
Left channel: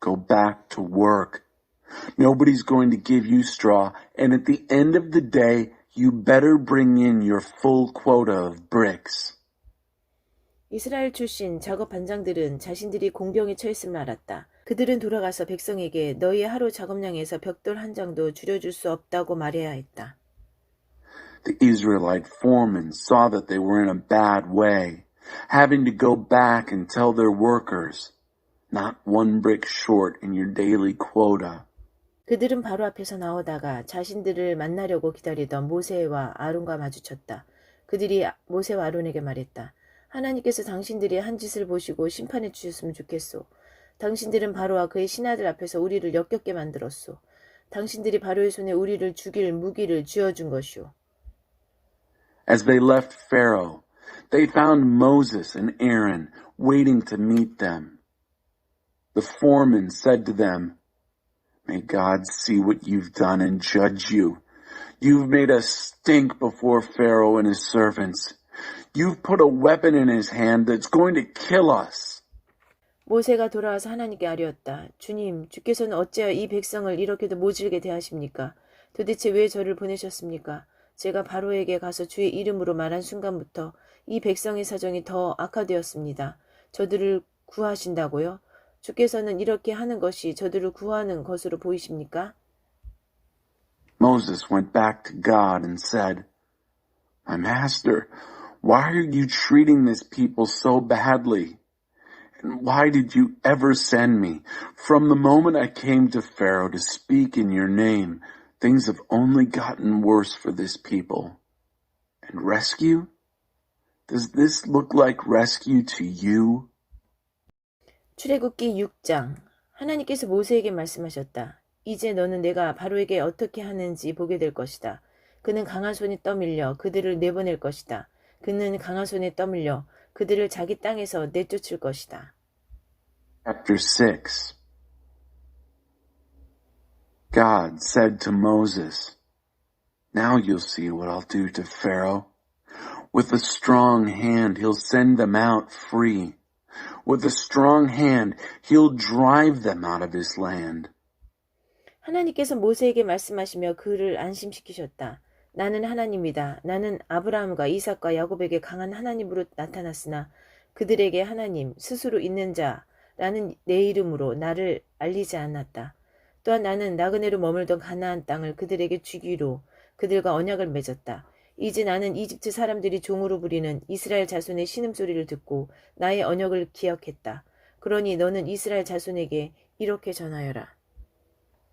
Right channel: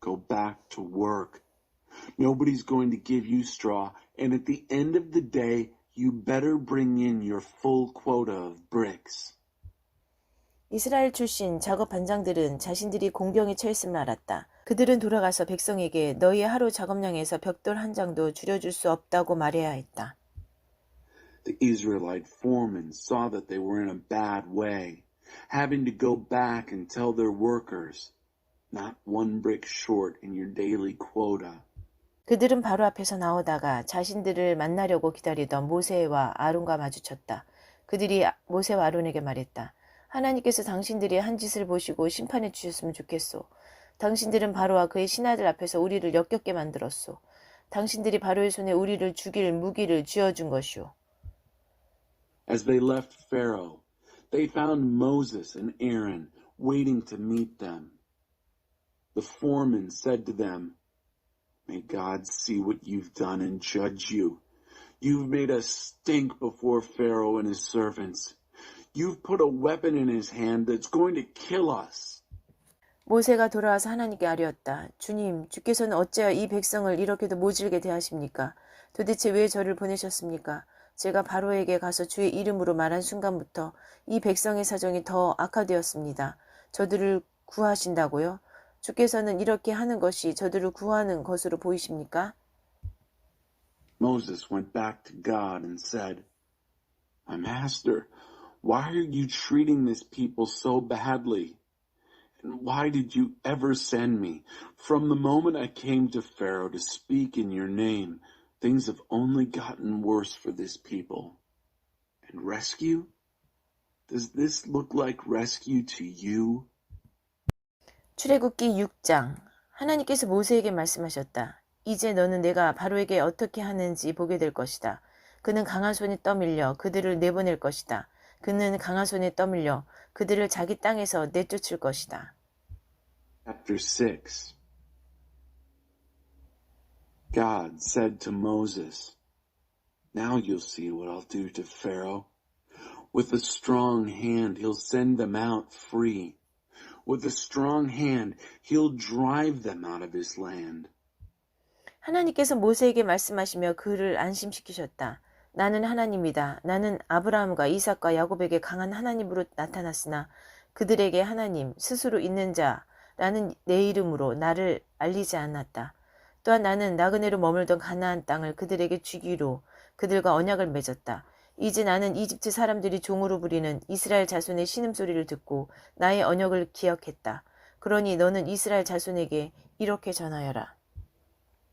Go back to work. Nobody's going to give you straw, and at the end of the day, you better bring in your full quota of bricks." 이스라엘 출신 작업 반장들은 자신들이 공병에 처했음을 알았다. 그들은 돌아가서 백성에게 너희의 하루 작업량에서 벽돌 한 장도 줄여줄 수 없다고 말해야 했다. The Israelite foremen saw that they were in a bad way, having to go back and tell their workers, "Not one brick short in your daily quota." 그들은 바로 앞에서 나오다가 자신들을 만나려고 기다리던 모세와 아론과 마주쳤다. 그들이 모세와 아론에게 말했다. 하나님께서 당신들이 한 짓을 보시고 심판해 주셨으면 좋겠소. 당신들은 바로와 그의 신하들 앞에서 우리를 역겹게 만들었소. 당신들이 바로의 손에 우리를 죽일 무기를 쥐어준 것이오. As they left Pharaoh, they found Moses and Aaron waiting to meet them. The foreman said to them, "May God see what you've done and judge you. You've made us stink before Pharaoh and his servants. You've put a weapon in his hand that's going to kill us." 모세가 돌아와서 하나님께 아뢰었다. 주님, 주께서는 어찌하여 이 백성을 이렇게도 모질게 대하십니까? 도대체 왜 저를 보내셨습니까? 제가 바로에게 가서 주의 이름으로 말한 순간부터 이 백성의 사정이 더 악화되었습니다. 저들을 구하신다고요? 주께서는 이렇게 하는 것이 저들을 구하는 것으로 보이십니까? Moses went back to God and said, "My master, why are you treating this people so badly? And why did you ever send me? From the moment I came to Pharaoh to speak in your name, things have only gotten worse for this people. And rescue? Does this look like rescue to you?" 출애굽기 6장. 하나님께서 모세에게 말씀하셨다. 이제 너는 내가 바로에게 어떻게 하는지 보게 될 것이다. 그는 강한 손에 떠밀려 그들을 내보낼 것이다. 그는 강한 손에 떠밀려 그들을 자기 땅에서 내쫓을 것이다. Chapter 6. God said to Moses, "Now you'll see what I'll do to Pharaoh. With a strong hand, he'll send them out free. With a strong hand, he'll drive them out of his land." 하나님께서 모세에게 말씀하시며 그를 안심시키셨다. 나는 하나님이다. 나는 아브라함과 이삭과 야곱에게 강한 하나님으로 나타났으나 그들에게 하나님, 스스로 있는 자라는 내 이름으로 나를 알리지 않았다. 또한 나는 나그네로 머물던 가나안 땅을 그들에게 주기로 그들과 언약을 맺었다. 이제 나는 이집트 사람들이 종으로 부리는 이스라엘 자손의 신음소리를 듣고 나의 언약을 기억했다. 그러니 너는 이스라엘 자손에게 이렇게 전하여라.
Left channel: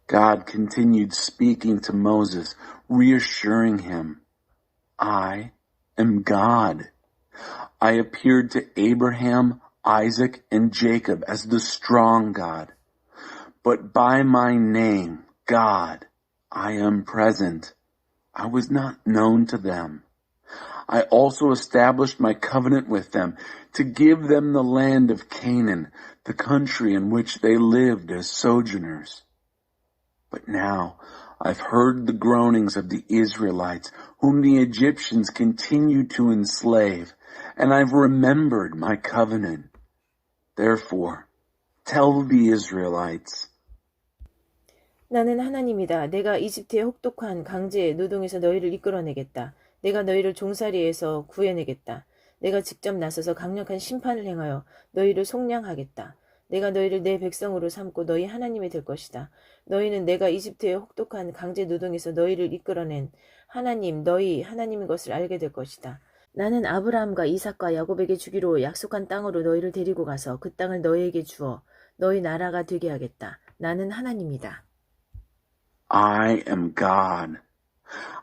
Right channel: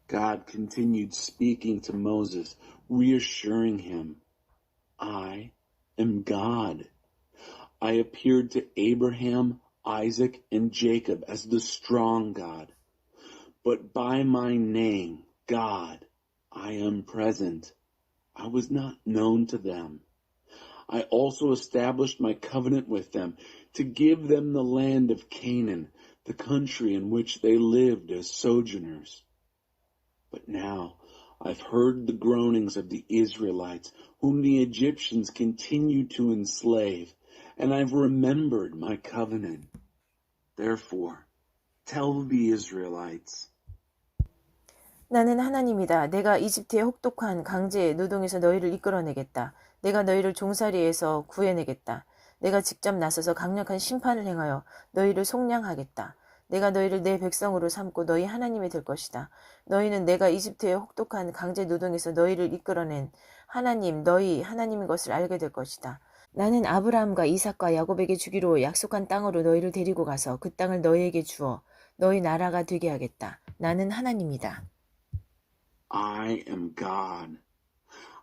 God continued speaking to Moses, reassuring him, I am God. I appeared to Abraham, Isaac, and Jacob as the strong God. But by my name, God, I am present. I was not known to them. I also established my covenant with them to give them the land of Canaan, the country in which they lived as sojourners. But now I've heard the groanings of the Israelites, whom the Egyptians continue to enslave, and I've remembered my covenant. Therefore, tell the Israelites, 나는 하나님이다. 내가 이집트의 혹독한 강제 노동에서 너희를 이끌어내겠다. 내가 너희를 종살이에서 구해내겠다. 내가 직접 나서서 강력한 심판을 행하여 너희를 속량하겠다. 내가 너희를 내 백성으로 삼고 너희 하나님이 될 것이다. 너희는 내가 이집트의 혹독한 강제 노동에서 너희를 이끌어낸 하나님, 너희 하나님인 것을 알게 될 것이다. 나는 아브라함과 이삭과 야곱에게 주기로 약속한 땅으로 너희를 데리고 가서 그 땅을 너희에게 주어 너희 나라가 되게 하겠다. 나는 하나님이다. I am God.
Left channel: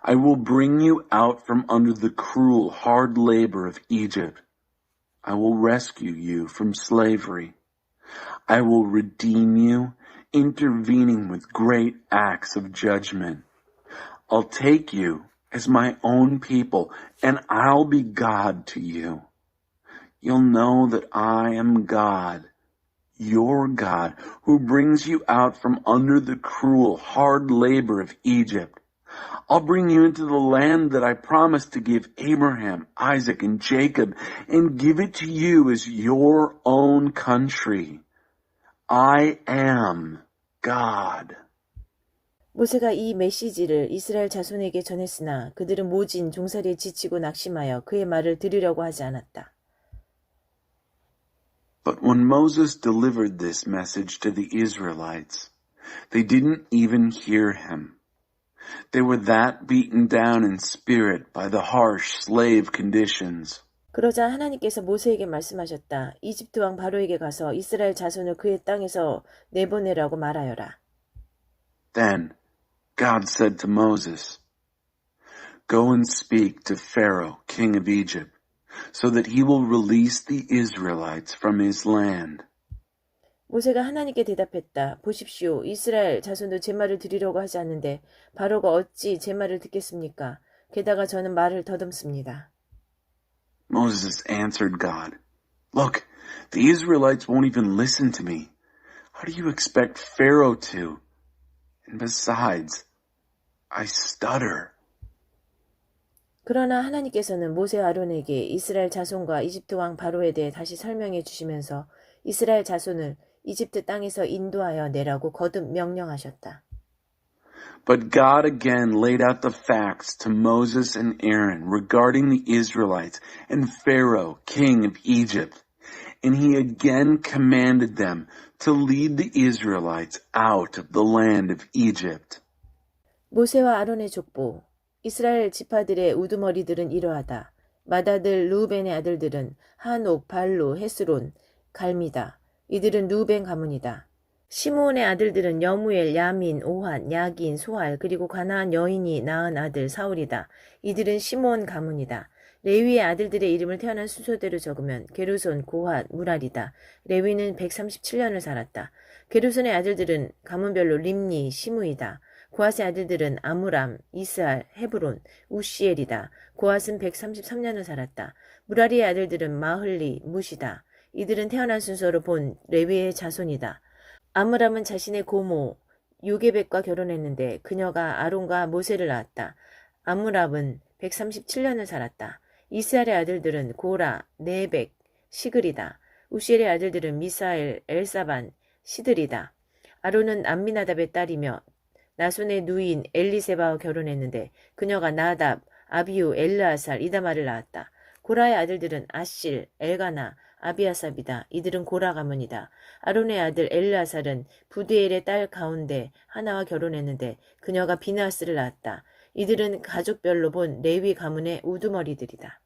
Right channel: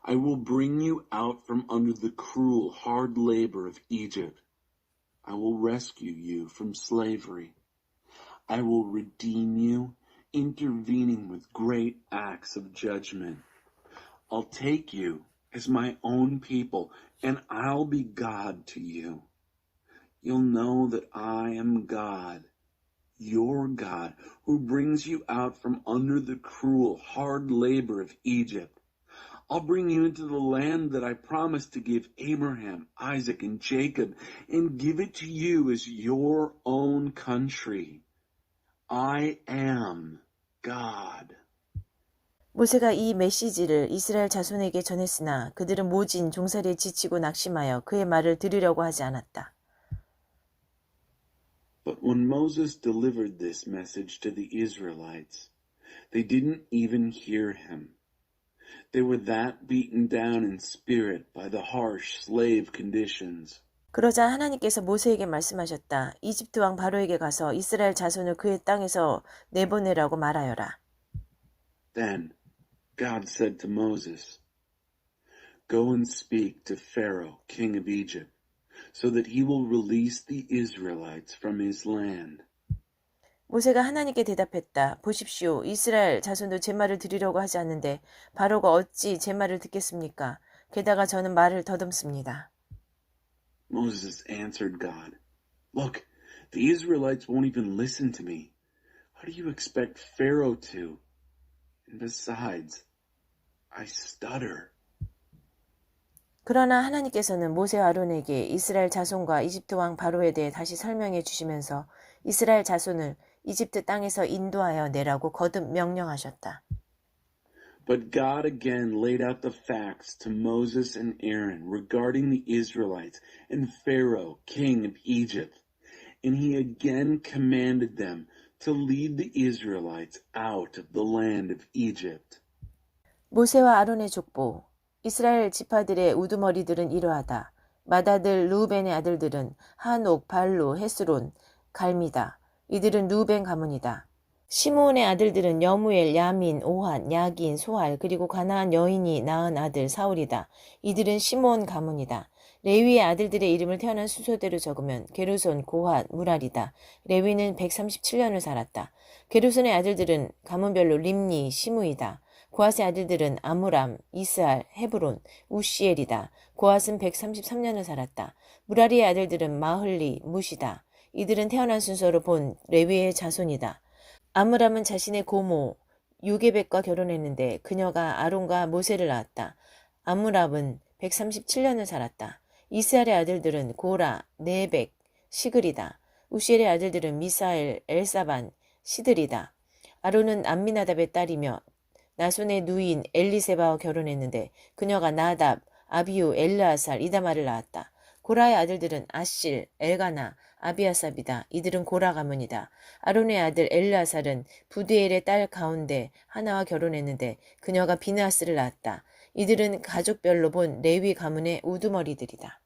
I will bring you out from under the cruel, hard labor of Egypt. I will rescue you from slavery. I will redeem you, intervening with great acts of judgment. I'll take you as my own people, and I'll be God to you. You'll know that I am God, your God, who brings you out from under the cruel, hard labor of Egypt. I'll bring you into the land that I promised to give Abraham, Isaac, and Jacob, and give it to you as your own country. I am God. 모세가 이 메시지를 이스라엘 자손에게 전했으나 그들은 모진 종살이에 지치고 낙심하여 그의 말을 들으려고 하지 않았다. But when Moses delivered this message to the Israelites, they didn't even hear him. They were that beaten down in spirit by the harsh slave conditions. 그러자 하나님께서 모세에게 말씀하셨다. 이집트 왕 바로에게 가서 이스라엘 자손을 그의 땅에서 내보내라고 말하여라. Then God said to Moses, Go and speak to Pharaoh, king of Egypt, so that he will release the Israelites from his land. 모세가 하나님께 대답했다. 보십시오. 이스라엘 자손도 제 말을 들으려고 하지 않는데 바로가 어찌 제 말을 듣겠습니까? 게다가 저는 말을 더듬습니다. Moses answered God, Look, the Israelites won't even listen to me. How do you expect Pharaoh to? And besides, I stutter. 그러나 하나님께서는 모세와 아론에게 이스라엘 자손과 이집트 왕 바로에 대해 다시 설명해 주시면서 이스라엘 자손을 이집트 땅에서 인도하여 내라고 거듭 명령하셨다. But God again laid out the facts to Moses and Aaron regarding the Israelites and Pharaoh, king of Egypt. And he again commanded them to lead the Israelites out of the land of Egypt. 모세와 아론의 족보, 이스라엘 지파들의 우두머리들은 이러하다. 맏아들 루벤의 아들들은 한옥, 발루, 헤스론, 갈미다. 이들은 루벤 가문이다. 시므온의 아들들은 여무엘, 야민, 오한, 야긴, 소알, 그리고 가나안 여인이 낳은 아들 사울이다. 이들은 시므온 가문이다. 레위의 아들들의 이름을 태어난 순서대로 적으면 게르손, 고핫, 무랄이다. 레위는 137년을 살았다. 게르손의 아들들은 가문별로 림니, 시므이다. 고핫의 아들들은 아므람, 이스알, 헤브론, 우시엘이다. 고핫은 133년을 살았다. 무라리의 아들들은 마흘리, 무시다. 이들은 태어난 순서로 본 레위의 자손이다. 아므람은 자신의 고모 요게벳과 결혼했는데 그녀가 아론과 모세를 낳았다. 아므람은 137년을 살았다. 이스알의 아들들은 고라, 네벡, 시글이다. 우시엘의 아들들은 미사엘, 엘사반, 시들이다. 아론은 암미나답의 딸이며 나손의 누인 엘리세바와 결혼했는데 그녀가 나답, 아비우, 엘르아살, 이다마를 낳았다. 고라의 아들들은 아실, 엘가나, 아비아삽이다. 이들은 고라 가문이다. 아론의 아들 엘르아살은 부드엘의 딸 가운데 하나와 결혼했는데 그녀가 비느하스를 낳았다. 이들은 가족별로 본 레위 가문의 우두머리들이다.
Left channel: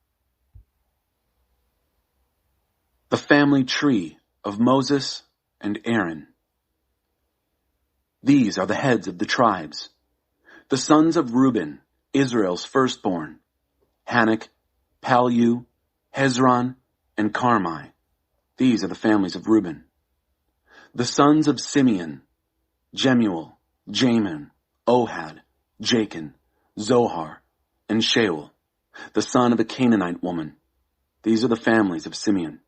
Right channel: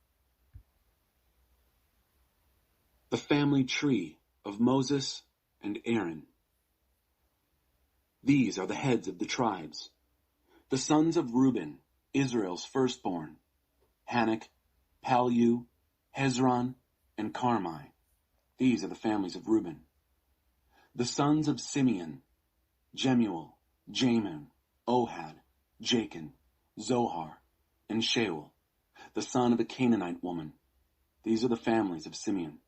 The family tree of Moses and Aaron. These are the heads of the tribes. The sons of Reuben, Israel's firstborn, Hanok, Pallu, Hezron, and Carmi. These are the families of Reuben. The sons of Simeon, Jemuel, Jamin, Ohad, Jachin, Zohar, and Shaul, the son of a Canaanite woman. These are the families of Simeon.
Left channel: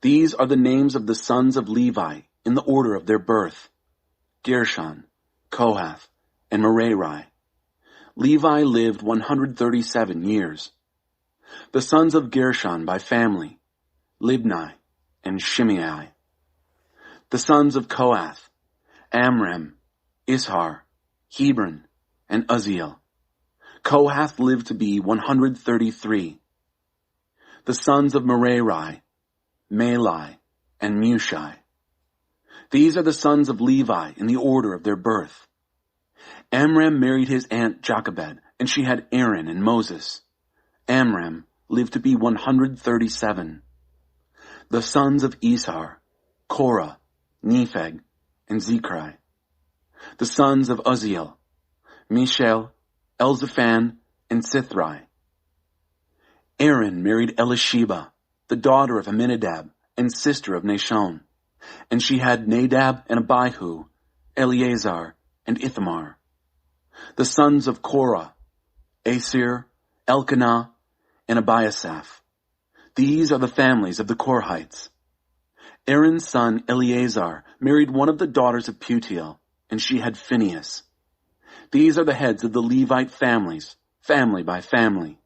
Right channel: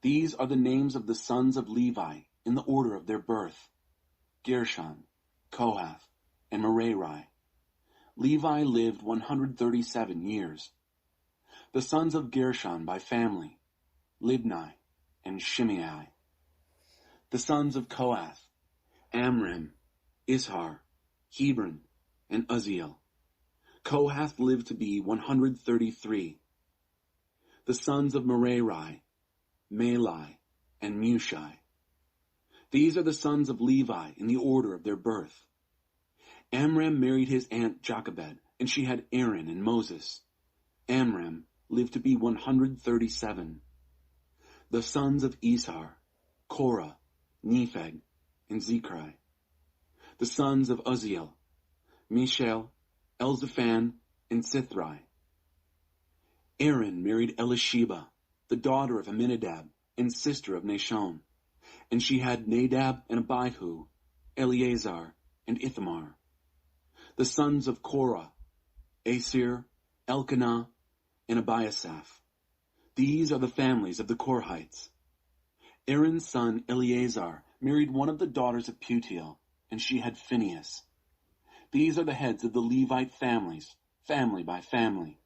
These are the names of the sons of Levi in the order of their birth: Gershon, Kohath, and Merari. Levi lived 137 years. The sons of Gershon by family: Libni and Shimei. The sons of Kohath: Amram, Ishar, Hebron, and Uzziel. Kohath lived to be 133. The sons of Merari: Malai and Mushai. These are the sons of Levi in the order of their birth. Amram married his aunt Jochebed, and she had Aaron and Moses. Amram lived to be 137. The sons of Ishar: Korah, Nepheg, and Zechri. The sons of Uzziel: Mishael, Elzaphan, and Sithri. Aaron married Elisheba, the daughter of Amminadab and sister of Nashon, and she had Nadab and Abihu, Eleazar, and Ithamar. The sons of Korah: Asir, Elkanah, and Abiasaph. These are the families of the Korhites. Aaron's son Eleazar married one of the daughters of Putiel, and she had Phinehas. These are the heads of the Levite families, family by family.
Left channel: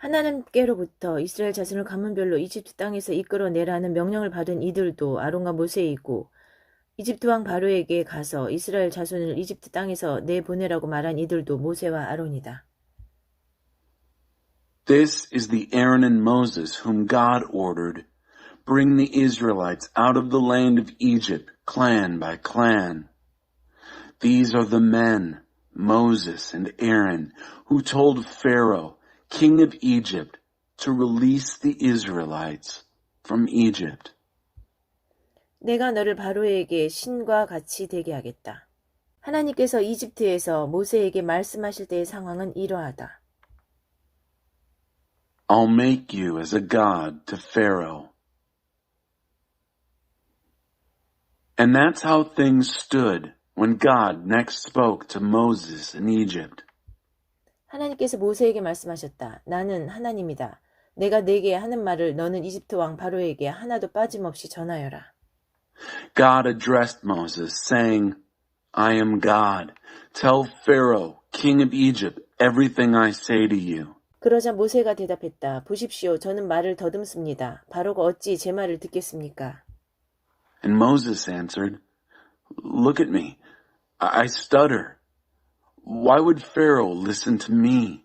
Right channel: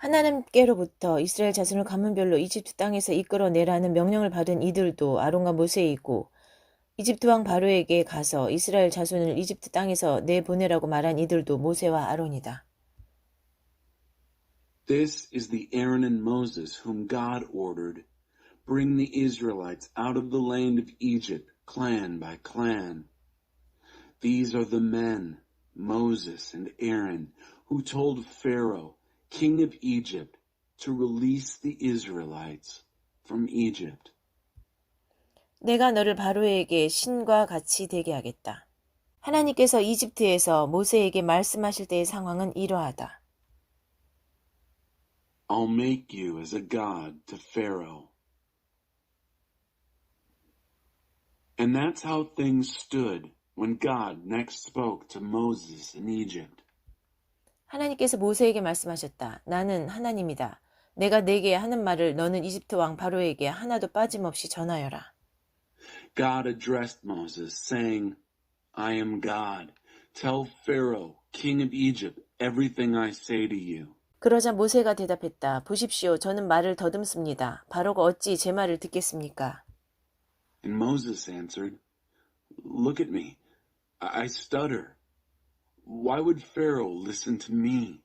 하나님께로부터 이스라엘 자손을 가문별로 이집트 땅에서 이끌어내라는 명령을 받은 이들도 아론과 모세이고, 이집트 왕 바로에게 가서 이스라엘 자손을 이집트 땅에서 내보내라고 말한 이들도 모세와 아론이다. This is the Aaron and Moses whom God ordered. Bring the Israelites out of the land of Egypt, clan by clan. These are the men, Moses and Aaron, who told Pharaoh, king of Egypt, to release the Israelites from Egypt. 내가 너를 바로에게 신과 같이 되게 하겠다. 하나님께서 이집트에서 모세에게 말씀하실 때의 상황은 이러하다. I'll make you as a god to Pharaoh. And that's how things stood when God next spoke to Moses in Egypt. 하나님께서 모세에게 말씀하셨다. 나는 하나님이다. 내가 네게 하는 말을 너는 이집트 왕 바로에게 하나도 빠짐없이 전하여라. God addressed Moses, saying, I am God. Tell Pharaoh, king of Egypt, everything I say to you. 그러자 모세가 대답했다. 보십시오. 저는 말을 더듬습니다. 바로가 어찌 제 말을 듣겠습니까? And Moses answered, Look at me. I stutter. Why would Pharaoh listen to me?